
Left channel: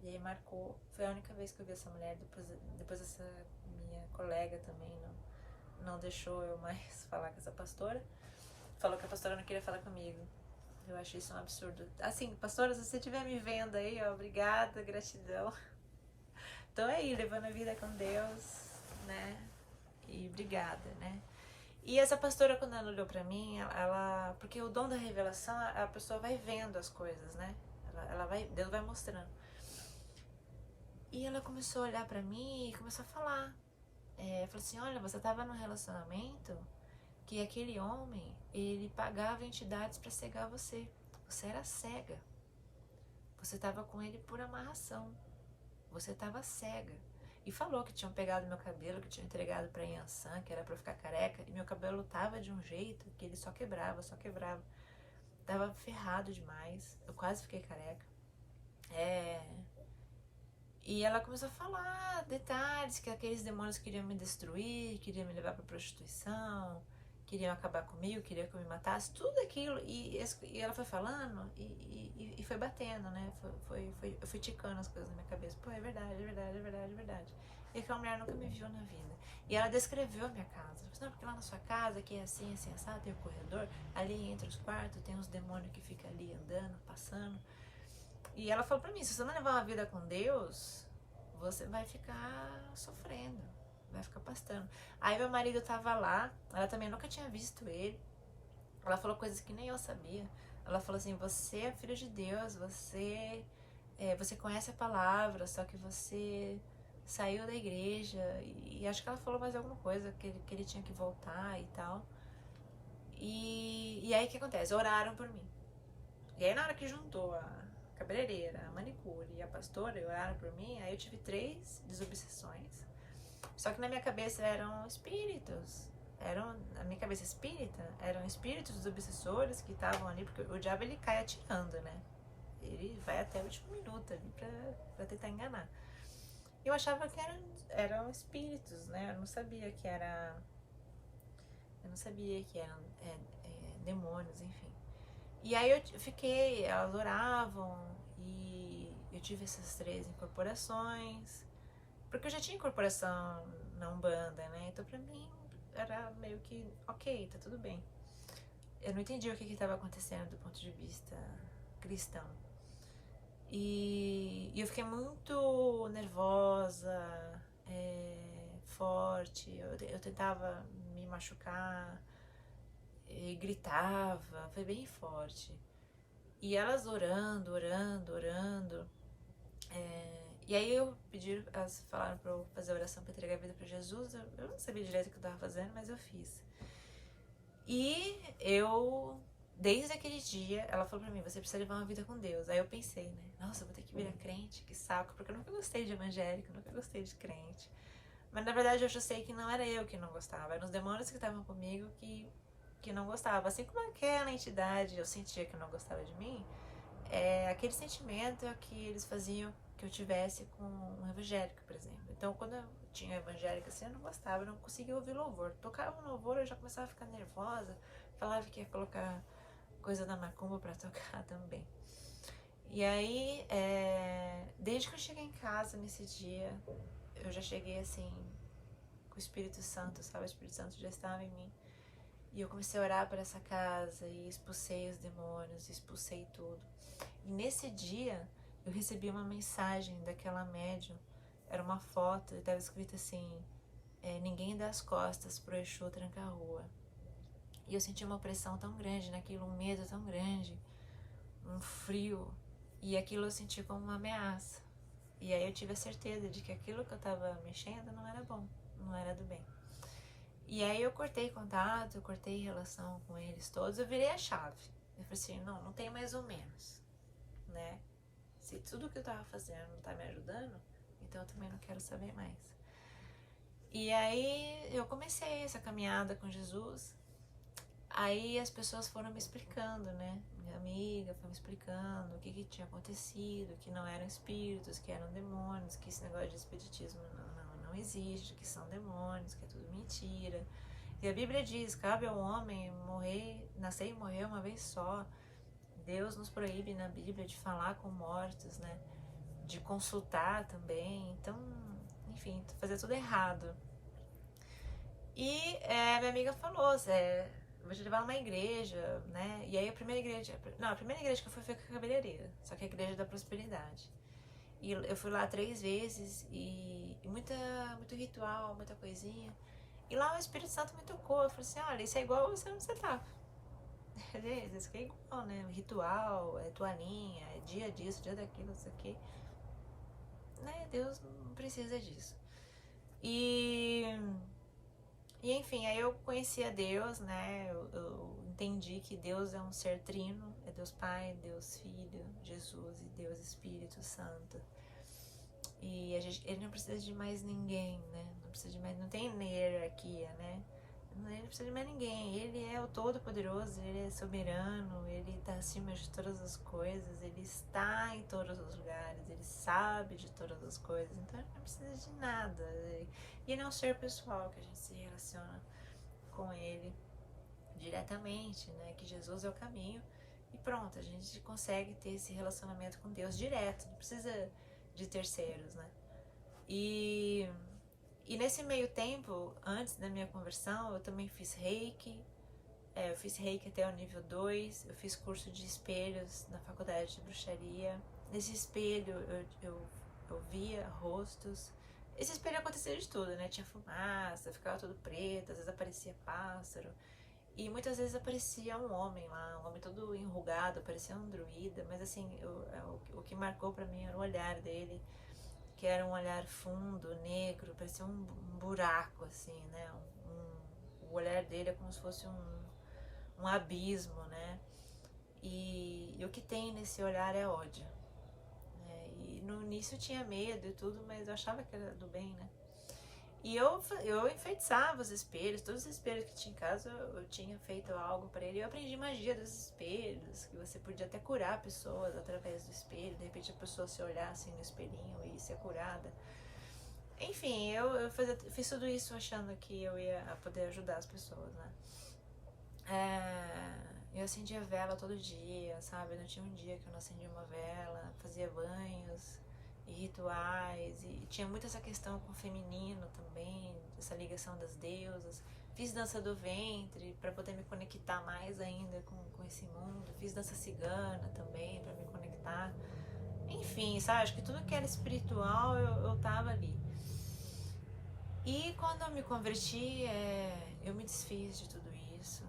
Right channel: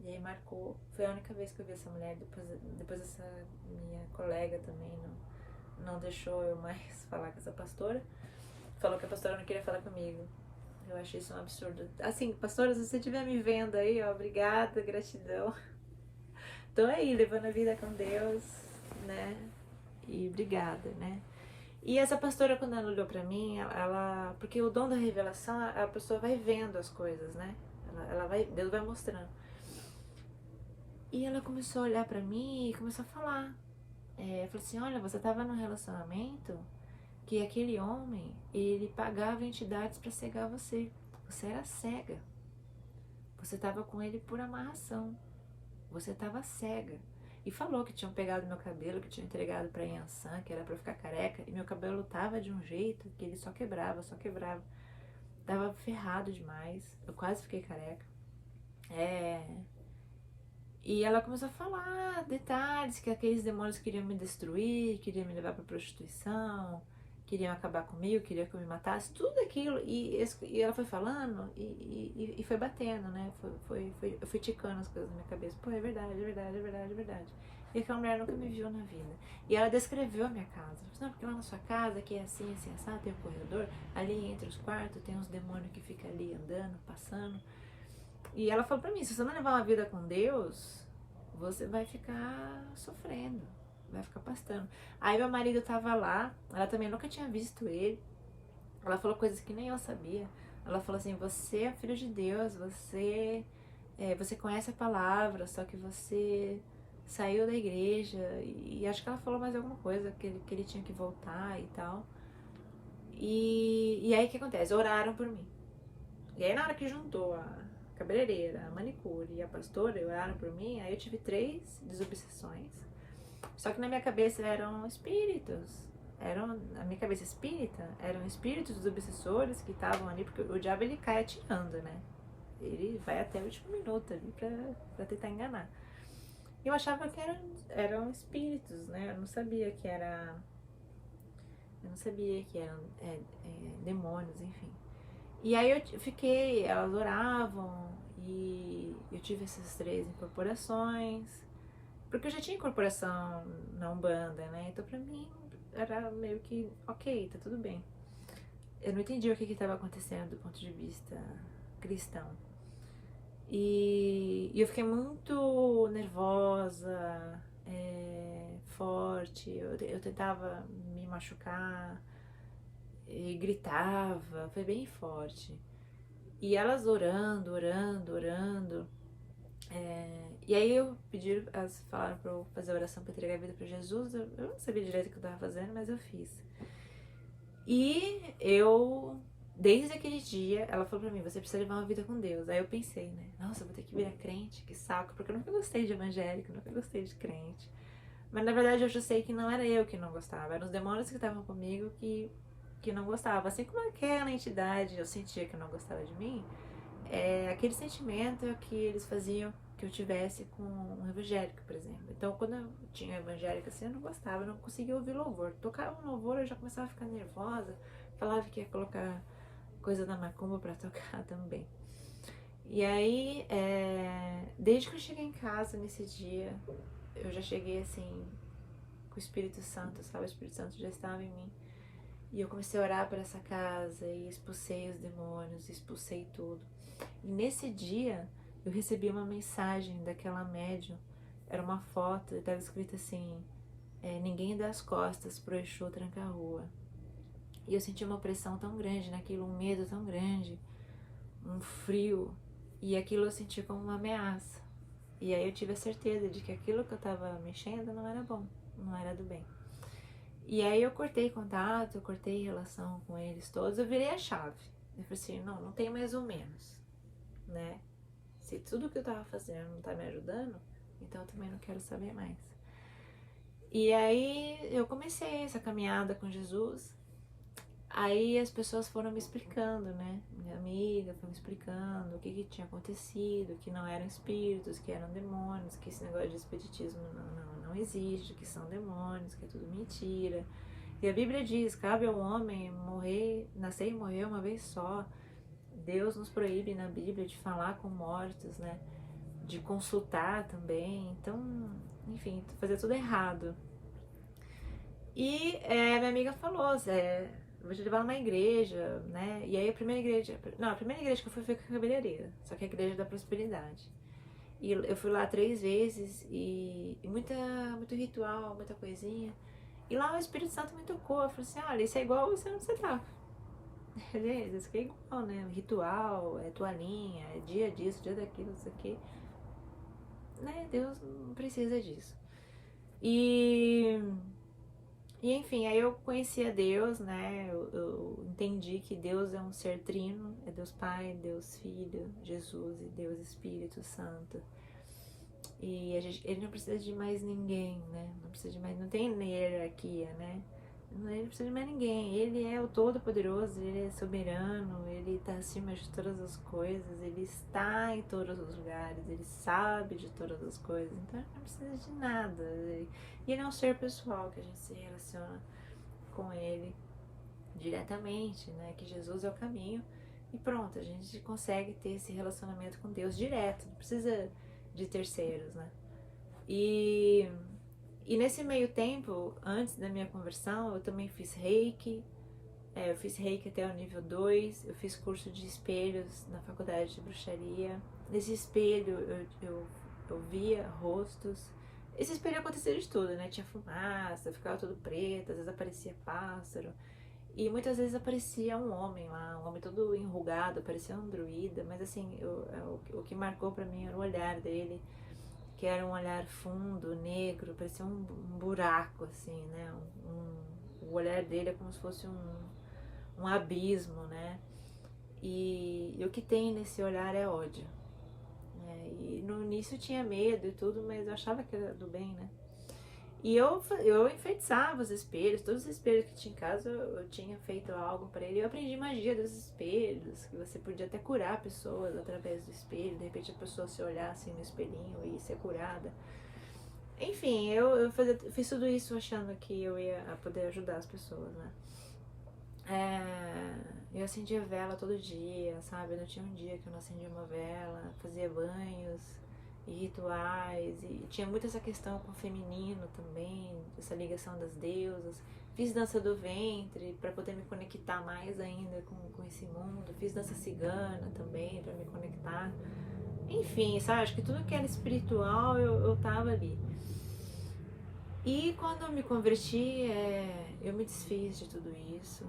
E aí marcou. Foi a única vez que eu vi essa mulher. Depois essa minha colega também não deixou eu mais falar com essa pastora. Falou que a pastora não queria falar comigo. Eu achei isso um absurdo. Assim, pastora, se você estiver me vendo aí, ó, obrigada, gratidão. Tô aí, levando a vida com Deus, né? E obrigada, né? E essa pastora, quando ela olhou pra mim, ela porque o dom da revelação, a pessoa vai vendo as coisas, né? Deus vai mostrando. E ela começou a olhar pra mim e começou a falar. Falou assim, olha, você tava num relacionamento que aquele homem, ele pagava entidades pra cegar você. Você era cega. Você tava com ele por amarração. Você tava cega. E falou que tinham pegado meu cabelo, que tinham entregado pra Yansan, que era pra eu ficar careca. E meu cabelo tava de um jeito que ele só quebrava, só quebrava. Tava ferrado demais. Eu quase fiquei careca. E ela começou a falar detalhes, que aqueles demônios queriam me destruir, queriam me levar pra prostituição, queriam acabar comigo, queriam que eu me matasse, tudo aquilo. E ela foi falando e foi batendo, né? Eu fui ticando as coisas na minha cabeça. Pô, é verdade, é verdade, é verdade, é verdade. E aquela mulher nunca me viu na vida. E ela descreveu a minha casa. Ela falou, não, porque lá na sua casa, que é assim, assim, assado, tem um corredor, ali entre os quartos tem uns demônios que ficam ali andando, passando. E ela falou pra mim, se você não levar uma vida com Deus, você vai ficar sofrendo, vai ficar pastando. Aí meu marido tava lá, ela também nunca tinha visto ele. Ela falou coisas que nem eu sabia. Ela falou assim, você é filho de Deus, você conhece a palavra, só que você saiu da igreja. E acho que ela falou mais alguma coisa, que ele tinha que voltar e tal. E aí o que acontece? Oraram por mim. E aí na hora que juntou a cabeleireira, a manicure e a pastora oraram por mim, aí eu tive 3 desobsessões. Só que na minha cabeça eram espíritos. Na minha cabeça espírita, eram espíritos dos obsessores que estavam ali, porque o diabo ele cai atirando, né? Ele vai até o último minuto ali pra tentar enganar. E eu achava que eram espíritos, né? Eu não sabia que eram demônios, enfim. E aí eu fiquei, elas oravam e eu tive essas 3 incorporações, porque eu já tinha incorporação na Umbanda, né? Então pra mim era meio que ok, tá tudo bem. Eu não entendi o que estava acontecendo do ponto de vista cristão. E eu fiquei muito nervosa, forte, eu tentava me machucar e gritava, foi bem forte. E elas orando, orando, orando. E aí elas falaram pra eu fazer a oração pra entregar a vida pra Jesus. Eu não sabia direito o que eu tava fazendo, mas eu fiz. E desde aquele dia, ela falou pra mim, você precisa levar uma vida com Deus. Aí eu pensei, né? Nossa, eu vou ter que virar crente, que saco. Porque eu nunca gostei de evangélico, nunca gostei de crente. Mas na verdade eu já sei que não era eu que não gostava. Eram os demônios que estavam comigo que não gostavam. Assim como aquela entidade eu sentia que não gostava de mim, aquele sentimento que eles faziam que eu tivesse com um evangélico, por exemplo. Então, quando eu tinha um evangélico assim, eu não gostava, eu não conseguia ouvir louvor. Tocava um louvor, eu já começava a ficar nervosa, falava que ia colocar coisa da macumba pra tocar também. E aí, desde que eu cheguei em casa nesse dia, eu já cheguei assim, com o Espírito Santo, sabe? O Espírito Santo já estava em mim. E eu comecei a orar por essa casa e expulsei os demônios, expulsei tudo. E nesse dia eu recebi uma mensagem daquela médium. Era uma foto e estava escrito assim: ninguém dá as costas pro Exu tranca-rua. E eu senti uma pressão tão grande naquilo, um medo tão grande, um frio. E aquilo eu senti como uma ameaça. E aí eu tive a certeza de que aquilo que eu estava mexendo não era bom, não era do bem. E aí eu cortei contato, eu cortei relação com eles todos, eu virei a chave. Eu falei assim, não tem mais ou menos, né? Se tudo que eu tava fazendo não tá me ajudando, então eu também não quero saber mais. E aí eu comecei essa caminhada com Jesus. Aí as pessoas foram me explicando, né? Minha amiga foi me explicando o que tinha acontecido, que não eram espíritos, que eram demônios, que esse negócio de espiritismo não existe, que são demônios, que é tudo mentira. E a Bíblia diz, cabe ao homem morrer, nascer e morrer uma vez só. Deus nos proíbe na Bíblia de falar com mortos, né? De consultar também. Então, enfim, fazer tudo errado. E minha amiga falou, vou te levar numa igreja, né? E aí a primeira igreja que eu fui foi com a cabeleireira, só que a igreja da prosperidade. E eu fui lá 3 vezes e muito ritual, muita coisinha. E lá o Espírito Santo me tocou, eu falei assim, olha, isso é igual você onde você tá. Isso aqui é igual, né? Ritual, é toalhinha, é dia disso, dia daquilo, isso aqui. Né? Deus não precisa disso. E enfim, aí eu conheci a Deus, né? Eu entendi que Deus é um ser trino, é Deus Pai, Deus Filho, Jesus e Deus Espírito Santo. E ele não precisa de mais ninguém, né? Não precisa de mais, não tem hierarquia, né? Ele não precisa de mais ninguém. Ele é o Todo-Poderoso, ele é soberano, ele está acima de todas as coisas, ele está em todos os lugares, ele sabe de todas as coisas, então ele não precisa de nada. E ele é um ser pessoal que a gente se relaciona com ele diretamente, né? Que Jesus é o caminho e pronto, a gente consegue ter esse relacionamento com Deus direto, não precisa de terceiros, né? E nesse meio tempo, antes da minha conversão, eu também fiz reiki. Eu fiz reiki até o nível 2. Eu fiz curso de espelhos na faculdade de bruxaria. Nesse espelho eu via rostos. Esse espelho acontecia de tudo, né? Tinha fumaça, ficava tudo preto, às vezes aparecia pássaro. E muitas vezes aparecia um homem lá, um homem todo enrugado, parecia um druida. Mas assim, o que marcou pra mim era o olhar dele, que era um olhar fundo, negro, parecia um buraco, assim, né? O olhar dele é como se fosse um abismo, né? E o que tem nesse olhar é ódio, né? E no início eu tinha medo e tudo, mas eu achava que era do bem, né? E eu enfeitiçava os espelhos, todos os espelhos que tinha em casa eu tinha feito algo para ele. Eu aprendi magia dos espelhos, que você podia até curar pessoas através do espelho. De repente a pessoa se olhar assim no espelhinho e ser curada. Enfim, eu fiz tudo isso achando que eu ia poder ajudar as pessoas, né? Eu acendia vela todo dia, sabe? Não tinha um dia que eu não acendia uma vela, fazia banhos e rituais, e tinha muito essa questão com o feminino também, essa ligação das deusas. Fiz dança do ventre para poder me conectar mais ainda com esse mundo. Fiz dança cigana também para me conectar. Enfim, sabe? Acho que tudo que era espiritual eu tava ali. E quando eu me converti, eu me desfiz de tudo isso.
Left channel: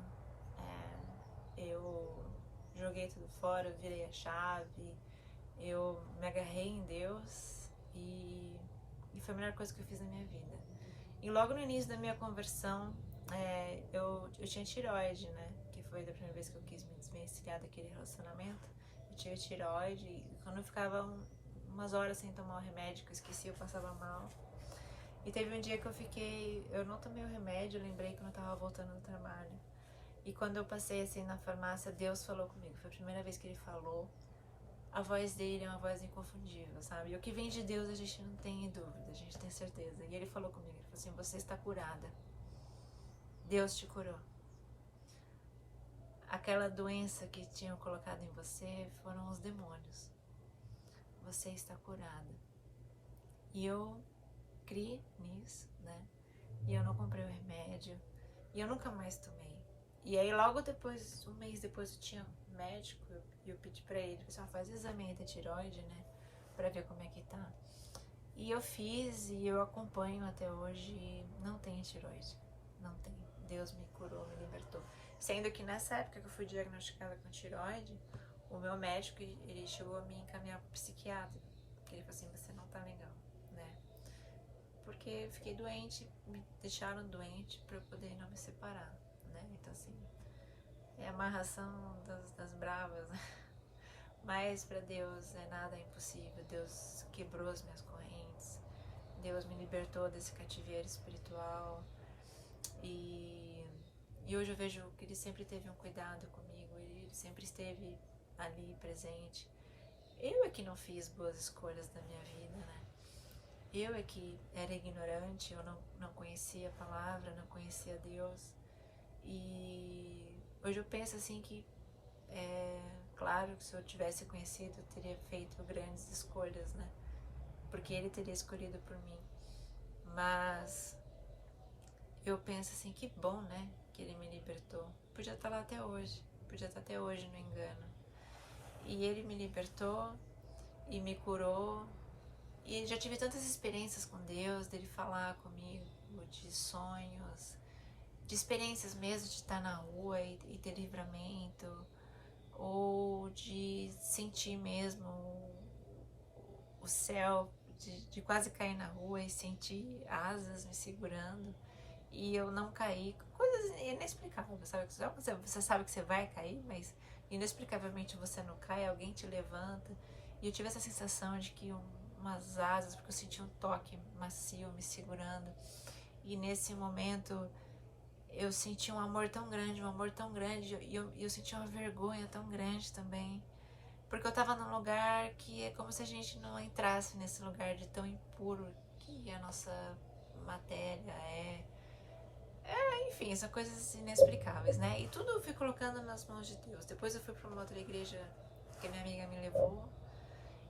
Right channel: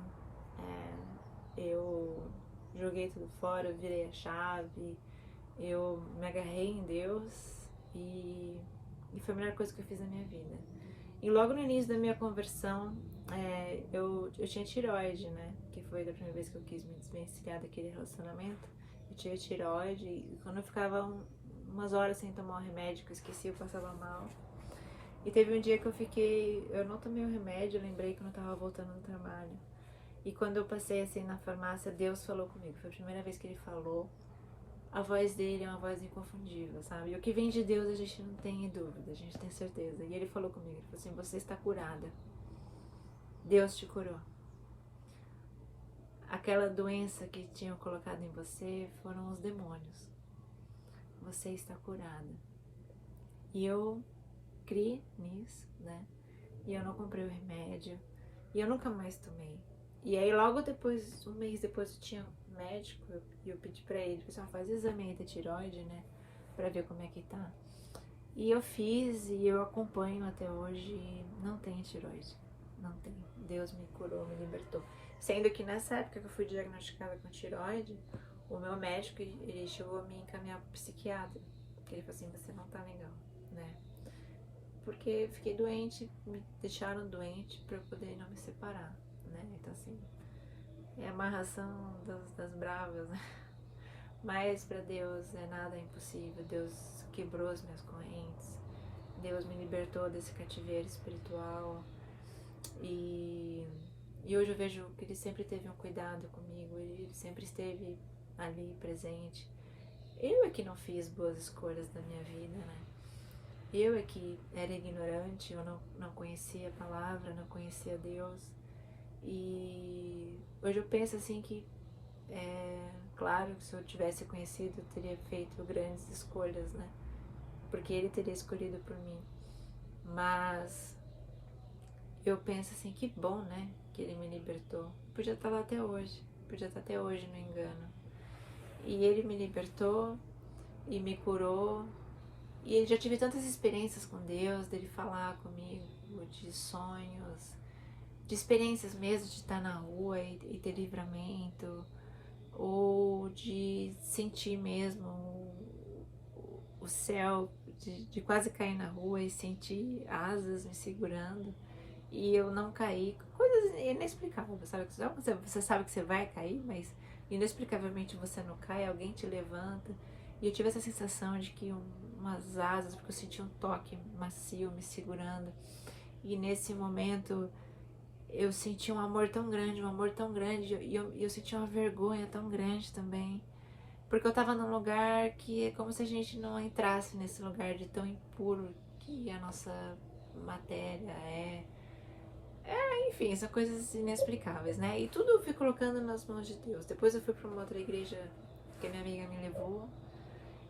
Eu joguei tudo fora, eu virei a chave, eu me agarrei em Deus e foi a melhor coisa que eu fiz na minha vida. E logo no início da minha conversão, eu tinha tireoide, né? Que foi da primeira vez que eu quis me desvencilhar daquele relacionamento. Eu tive tireoide e quando eu ficava umas horas sem tomar o remédio, que eu esqueci, eu passava mal. E teve um dia que eu não tomei o remédio, eu lembrei quando eu tava voltando do trabalho. E quando eu passei assim na farmácia, Deus falou comigo. Foi a primeira vez que ele falou. A voz dele é uma voz inconfundível, sabe? E o que vem de Deus a gente não tem dúvida, a gente tem certeza. E ele falou comigo, ele falou assim, você está curada. Deus te curou. Aquela doença que tinham colocado em você foram os demônios. Você está curada. E eu criei nisso, né? E eu não comprei o remédio. E eu nunca mais tomei. E aí logo depois, um mês depois, eu tinha um médico e eu pedi pra ele, pessoal, faz exame aí da tireoide, né? Pra ver como é que tá. E eu fiz e eu acompanho até hoje, não tem tireoide. Não tem. Deus me curou, me libertou. Sendo que nessa época que eu fui diagnosticada com tireoide, o meu médico, ele chegou a me encaminhar pro psiquiatra. Porque ele falou assim, você não tá legal, né? Porque eu fiquei doente, me deixaram doente pra eu poder não me separar, né? Então assim, é a amarração das bravas, né? Mas para Deus nada é impossível. Deus quebrou as minhas correntes Deus me libertou desse cativeiro espiritual e hoje eu vejo que Ele sempre teve um cuidado comigo, Ele sempre esteve ali presente. Eu é que não fiz boas escolhas da minha vida, né? Eu é que era ignorante, eu não conhecia a palavra, não conhecia Deus. E hoje eu penso assim que, claro que se eu tivesse conhecido, eu teria feito grandes escolhas, né? Porque Ele teria escolhido por mim. Mas eu penso assim, que bom, né? Que Ele me libertou. Podia estar lá até hoje, podia estar até hoje no engano. E Ele me libertou e me curou. E eu já tive tantas experiências com Deus, dele falar comigo, de sonhos, de experiências mesmo, de estar na rua e ter livramento, ou de sentir mesmo o céu, de quase cair na rua e sentir asas me segurando e eu não caí. Coisas inexplicáveis, sabe? Você sabe que você vai cair, mas inexplicavelmente você não cai, alguém te levanta. E eu tive essa sensação de que umas asas, porque eu senti um toque macio me segurando. E nesse momento eu senti um amor tão grande, e eu senti uma vergonha tão grande também. Porque eu tava num lugar que é como se a gente não entrasse nesse lugar de tão impuro que a nossa matéria é. Enfim, são coisas inexplicáveis, né? E tudo eu fui colocando nas mãos de Deus. Depois eu fui pra uma outra igreja que a minha amiga me levou.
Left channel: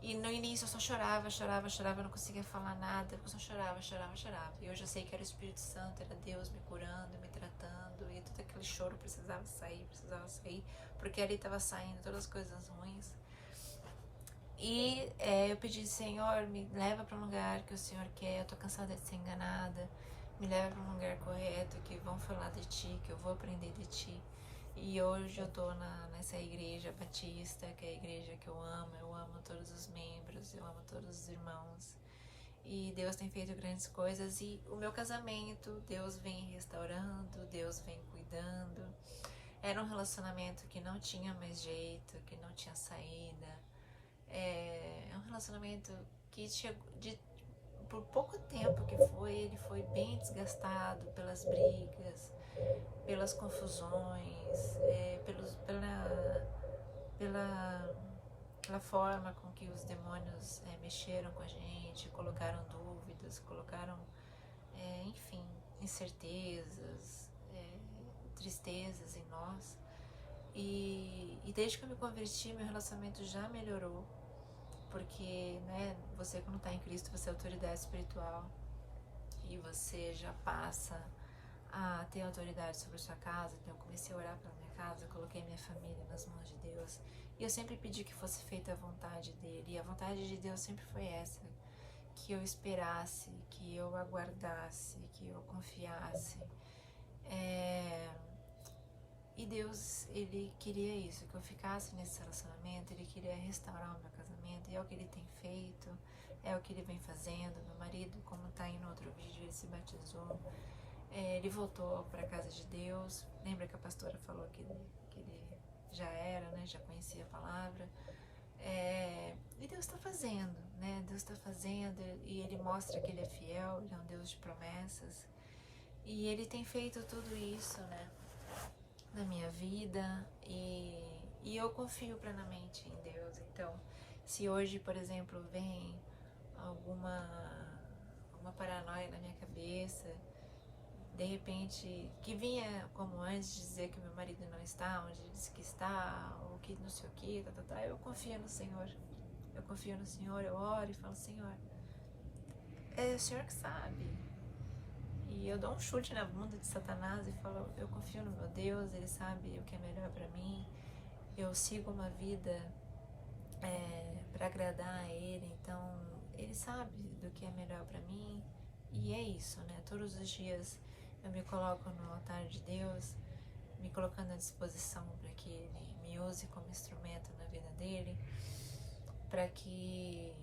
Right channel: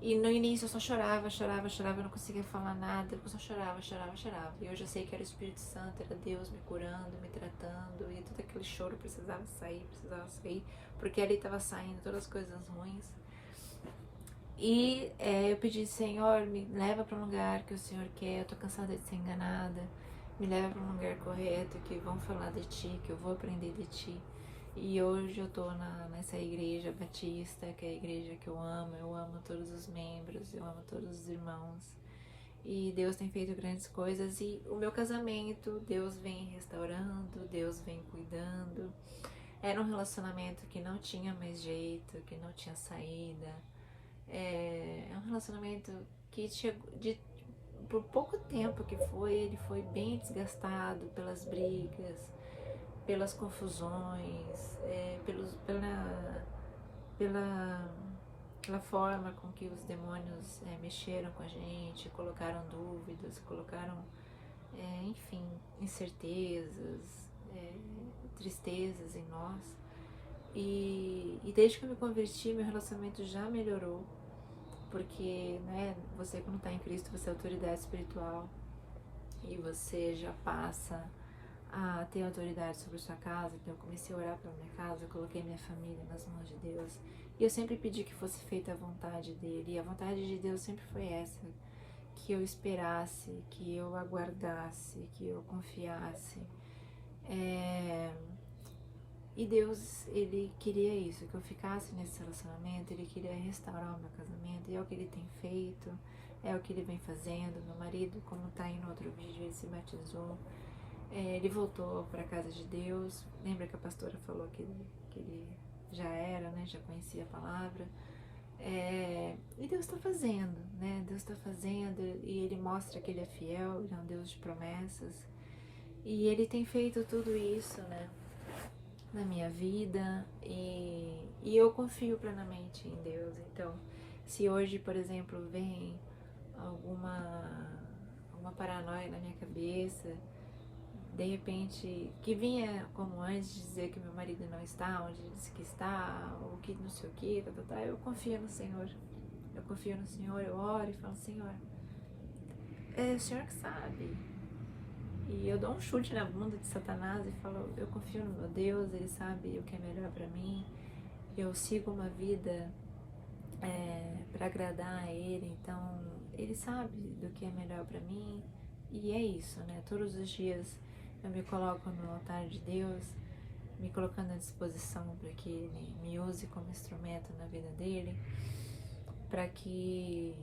E no início eu só chorava, eu não conseguia falar nada, eu só chorava. E hoje eu sei que era o Espírito Santo, era Deus me curando, me tratando, e todo aquele choro precisava sair, porque ali estava saindo todas as coisas ruins. E eu pedi, Senhor, me leva para um lugar que o Senhor quer, eu tô cansada de ser enganada, me leva para um lugar correto, que vão falar de Ti, que eu vou aprender de Ti. E hoje eu tô nessa igreja batista, que é a igreja que eu amo todos os membros, eu amo todos os irmãos. E Deus tem feito grandes coisas e o meu casamento, Deus vem restaurando, Deus vem cuidando. Era um relacionamento que não tinha mais jeito, que não tinha saída. É um relacionamento que chegou por pouco tempo que ele foi bem desgastado pelas brigas, pelas confusões, pela forma com que os demônios mexeram com a gente, colocaram dúvidas, colocaram, enfim, incertezas, tristezas em nós. E desde que eu me converti, meu relacionamento já melhorou, porque, né, você quando está em Cristo, você é autoridade espiritual e você já passa a ter autoridade sobre a sua casa. Então eu comecei a orar pela minha casa, eu coloquei minha família nas mãos de Deus e eu sempre pedi que fosse feita a vontade dele, e a vontade de Deus sempre foi essa, que eu esperasse, que eu aguardasse, que eu confiasse. E Deus, Ele queria isso, que eu ficasse nesse relacionamento, Ele queria restaurar o meu casamento, e é o que Ele tem feito, é o que Ele vem fazendo. Meu marido, como tá aí no outro vídeo, ele se batizou, ele voltou para a casa de Deus. Lembra que a pastora falou que ele já era, né, já conhecia a palavra. E Deus está fazendo, né, Deus está fazendo, e Ele mostra que Ele é fiel, Ele é um Deus de promessas, e Ele tem feito tudo isso, né, na minha vida, e eu confio plenamente em Deus. Então, se hoje, por exemplo, vem alguma paranoia na minha cabeça, de repente, que vinha como antes de dizer que meu marido não está onde disse que está, ou que não sei o que, eu confio no Senhor. Eu confio no Senhor, eu oro e falo, Senhor, é o Senhor que sabe. E eu dou um chute na bunda de Satanás e falo, eu confio no meu Deus, Ele sabe o que é melhor para mim. Eu sigo uma vida para agradar a Ele, então Ele sabe do que é melhor para mim. E é isso, né? Todos os dias eu me coloco no altar de Deus, me colocando à disposição para que Ele me use como instrumento na vida dEle, para que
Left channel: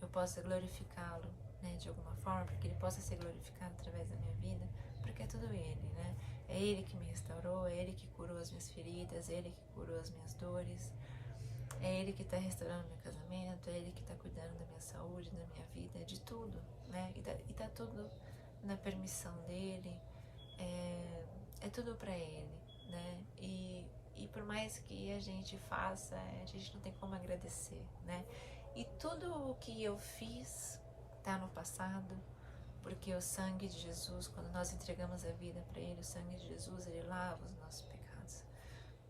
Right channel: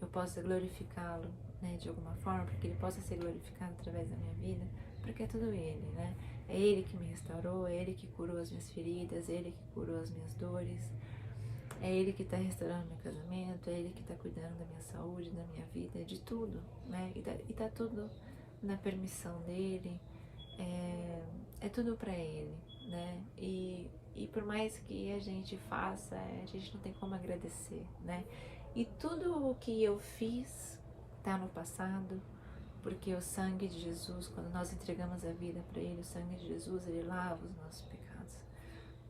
eu possa glorificá-lo, né, de alguma forma, para que Ele possa ser glorificado através da minha vida, porque é tudo Ele, né? É Ele que me restaurou, é Ele que curou as minhas feridas, é Ele que curou as minhas dores. É Ele que está restaurando meu casamento, é Ele que está cuidando da minha saúde, da minha vida, de tudo, né? E tá tudo na permissão dEle, é tudo para Ele, né? E por mais que a gente faça, a gente não tem como agradecer, né? E tudo o que eu fiz tá no passado, porque o sangue de Jesus, quando nós entregamos a vida para Ele, o sangue de Jesus, Ele lava os nossos pecados.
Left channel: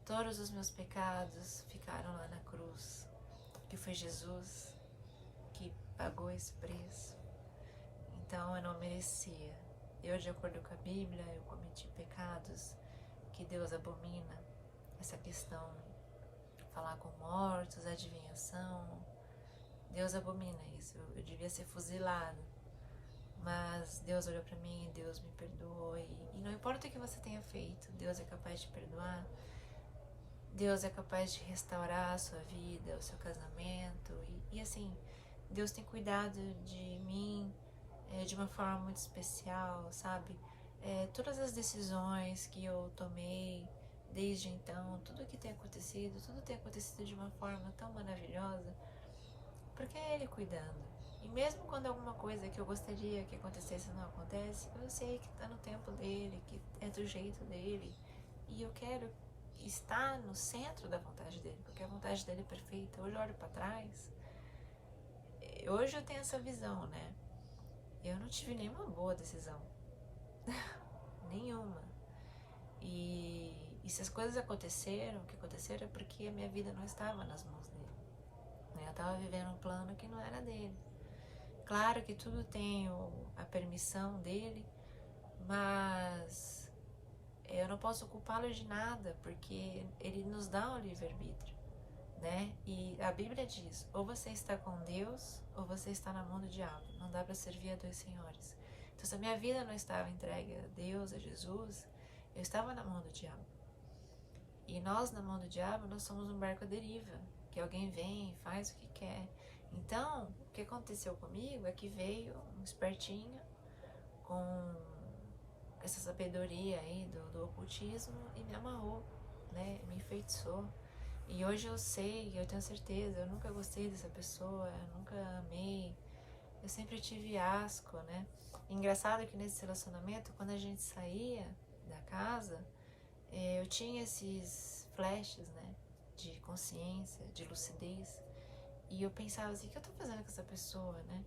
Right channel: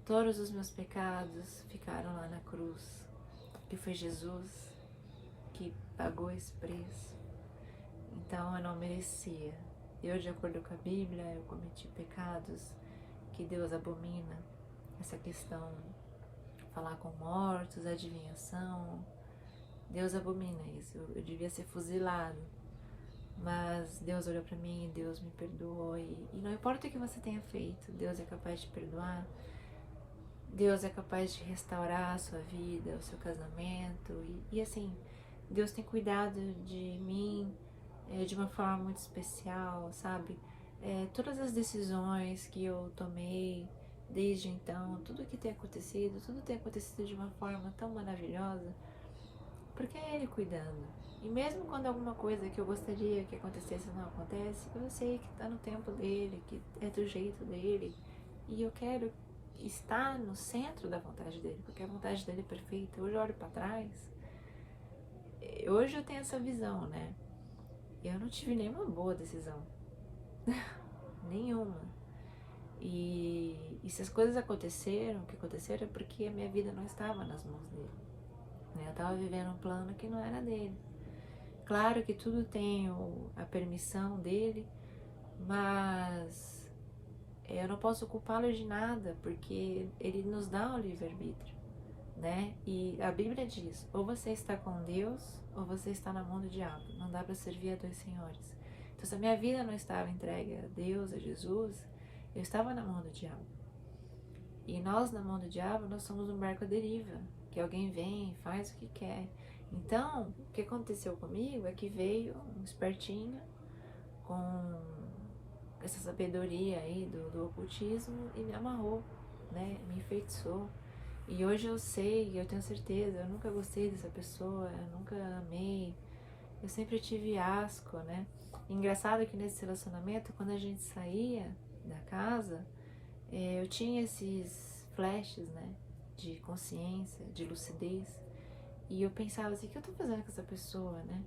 Todos os meus pecados ficaram lá na cruz, que foi Jesus que pagou esse preço. Então eu não merecia. Eu, de acordo com a Bíblia, eu cometi pecados que Deus abomina. Essa questão, falar com mortos, adivinhação, Deus abomina isso. Eu devia ser fuzilado. Mas Deus olhou para mim e Deus me perdoou. E não importa o que você tenha feito, Deus é capaz de perdoar. Deus é capaz de restaurar a sua vida, o seu casamento. E assim, Deus tem cuidado de mim de uma forma muito especial, sabe? Todas as decisões que eu tomei desde então, tudo que tem acontecido de uma forma tão maravilhosa, porque é Ele cuidando. E mesmo quando alguma coisa que eu gostaria que acontecesse não acontece, eu sei que está no tempo dEle, que é do jeito dEle. E eu quero estar no centro da vontade dEle, porque a vontade dEle é perfeita. Hoje eu olho para trás, hoje eu tenho essa visão, né? Eu não tive nenhuma boa decisão. Nenhuma. E se as coisas aconteceram, o que aconteceram é porque a minha vida não estava nas mãos dEle. Eu estava vivendo um plano que não era dEle. Claro que tudo tem a permissão dEle, mas eu não posso culpá-lo de nada, porque Ele nos dá o livre-arbítrio, né? E a Bíblia diz, ou você está com Deus, ou você está na mão do diabo. Não dá para servir a dois senhores. Então, se a minha vida não estava entregue a Deus, a Jesus, eu estava na mão do diabo. E nós, na mão do diabo, nós somos um barco à deriva, que alguém vem e faz o que quer. Então, o que aconteceu comigo é que veio um espertinho com essa sabedoria aí do ocultismo e me amarrou, né? Me enfeitiçou. E hoje eu sei, eu tenho certeza, eu nunca gostei dessa pessoa, eu nunca amei, eu sempre tive asco, né? Engraçado que nesse relacionamento, quando a gente saía da casa, eu tinha esses flashes, né? De consciência, de lucidez. E eu pensava assim, o que eu tô fazendo com essa pessoa, né?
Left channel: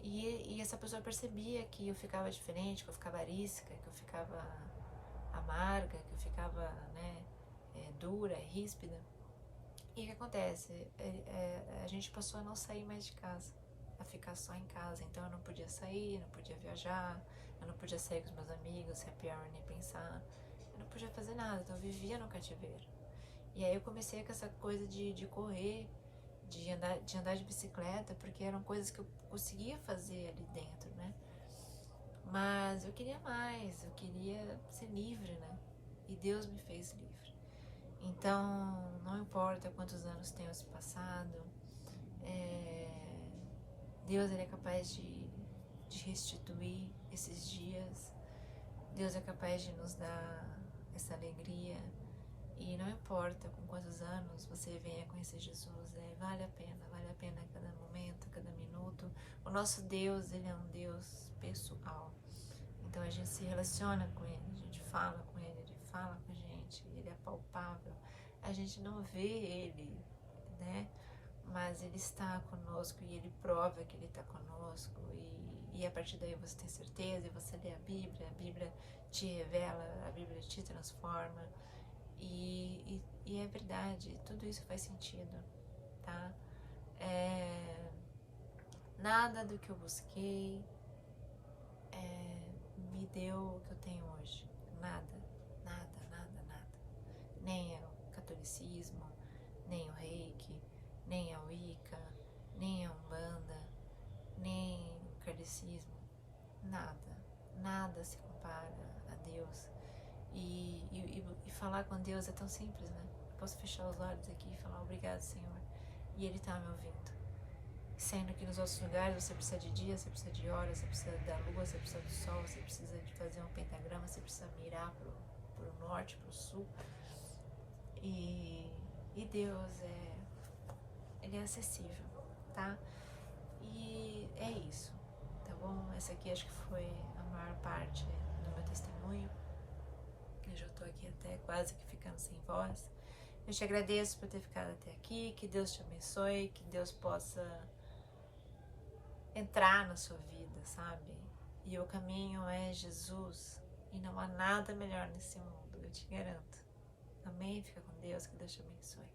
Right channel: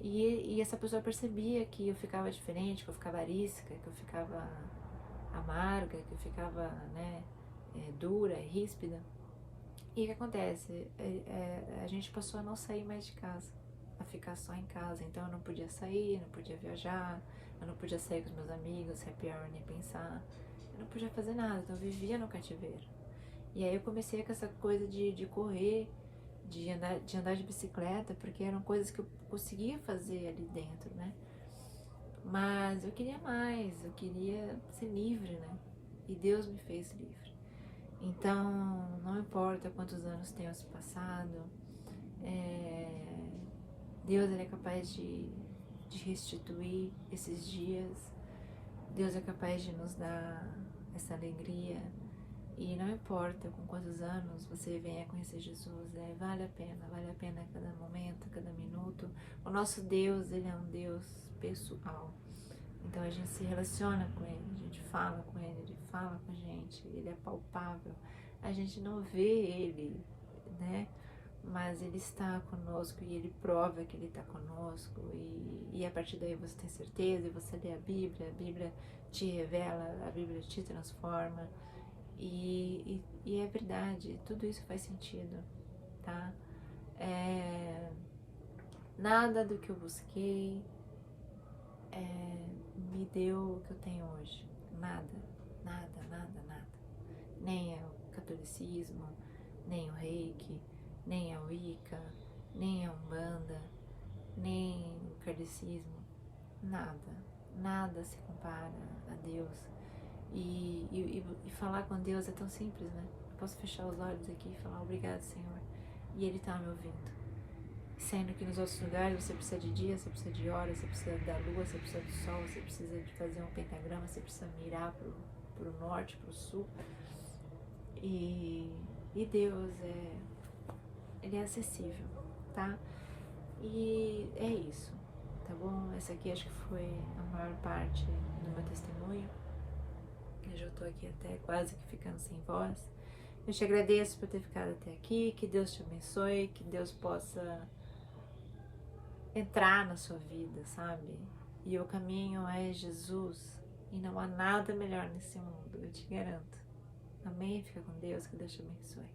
E essa pessoa percebia que eu ficava diferente, que eu ficava arisca, que eu ficava amarga, que eu ficava, né, dura, ríspida. E o que acontece? A gente passou a não sair mais de casa, a ficar só em casa. Então eu não podia sair, não podia viajar, eu não podia sair com os meus amigos, happy hour, nem pensar. Eu não podia fazer nada, então eu vivia no cativeiro. E aí eu comecei com essa coisa de correr, de andar de bicicleta, porque eram coisas que eu conseguia fazer ali dentro, né? Mas eu queria mais, eu queria ser livre, né? E Deus me fez livre. Então, não importa quantos anos tenham se passado, Deus ele é capaz de restituir esses dias, Deus é capaz de nos dar essa alegria. E não importa com quantos anos você venha conhecer Jesus, vale a pena cada momento, cada minuto. O nosso Deus, ele é um Deus pessoal. Então a gente se relaciona com Ele, a gente fala com Ele, Ele fala com a gente, Ele é palpável. A gente não vê Ele, né? Mas Ele está conosco e Ele prova que Ele está conosco. E a partir daí você tem certeza e você lê a Bíblia te revela, a Bíblia te transforma. E é verdade, tudo isso faz sentido, tá? Nada do que eu busquei me deu o que eu tenho hoje. Nada. Nem é o catolicismo, nem o reiki, nem a Wicca, nem a Umbanda, nem o kardecismo. Nada se compara a Deus. E falar com Deus é tão simples, né? Eu posso fechar os olhos aqui e falar obrigado, Senhor. E Ele tá me ouvindo. Sendo que nos outros lugares você precisa de dia, você precisa de hora, você precisa da lua, você precisa do sol, você precisa de fazer um pentagrama, você precisa mirar pro norte, pro sul. E Deus ele é acessível, tá? E é isso, tá bom? Essa aqui acho que foi a maior parte do meu testemunho. Eu já tô aqui até quase que ficando sem voz. Eu te agradeço por ter ficado até aqui, que Deus te abençoe, que Deus possa entrar na sua vida, sabe? E o caminho é Jesus, e não há nada melhor nesse mundo, eu te garanto. Amém? Fica com Deus, que Deus te abençoe.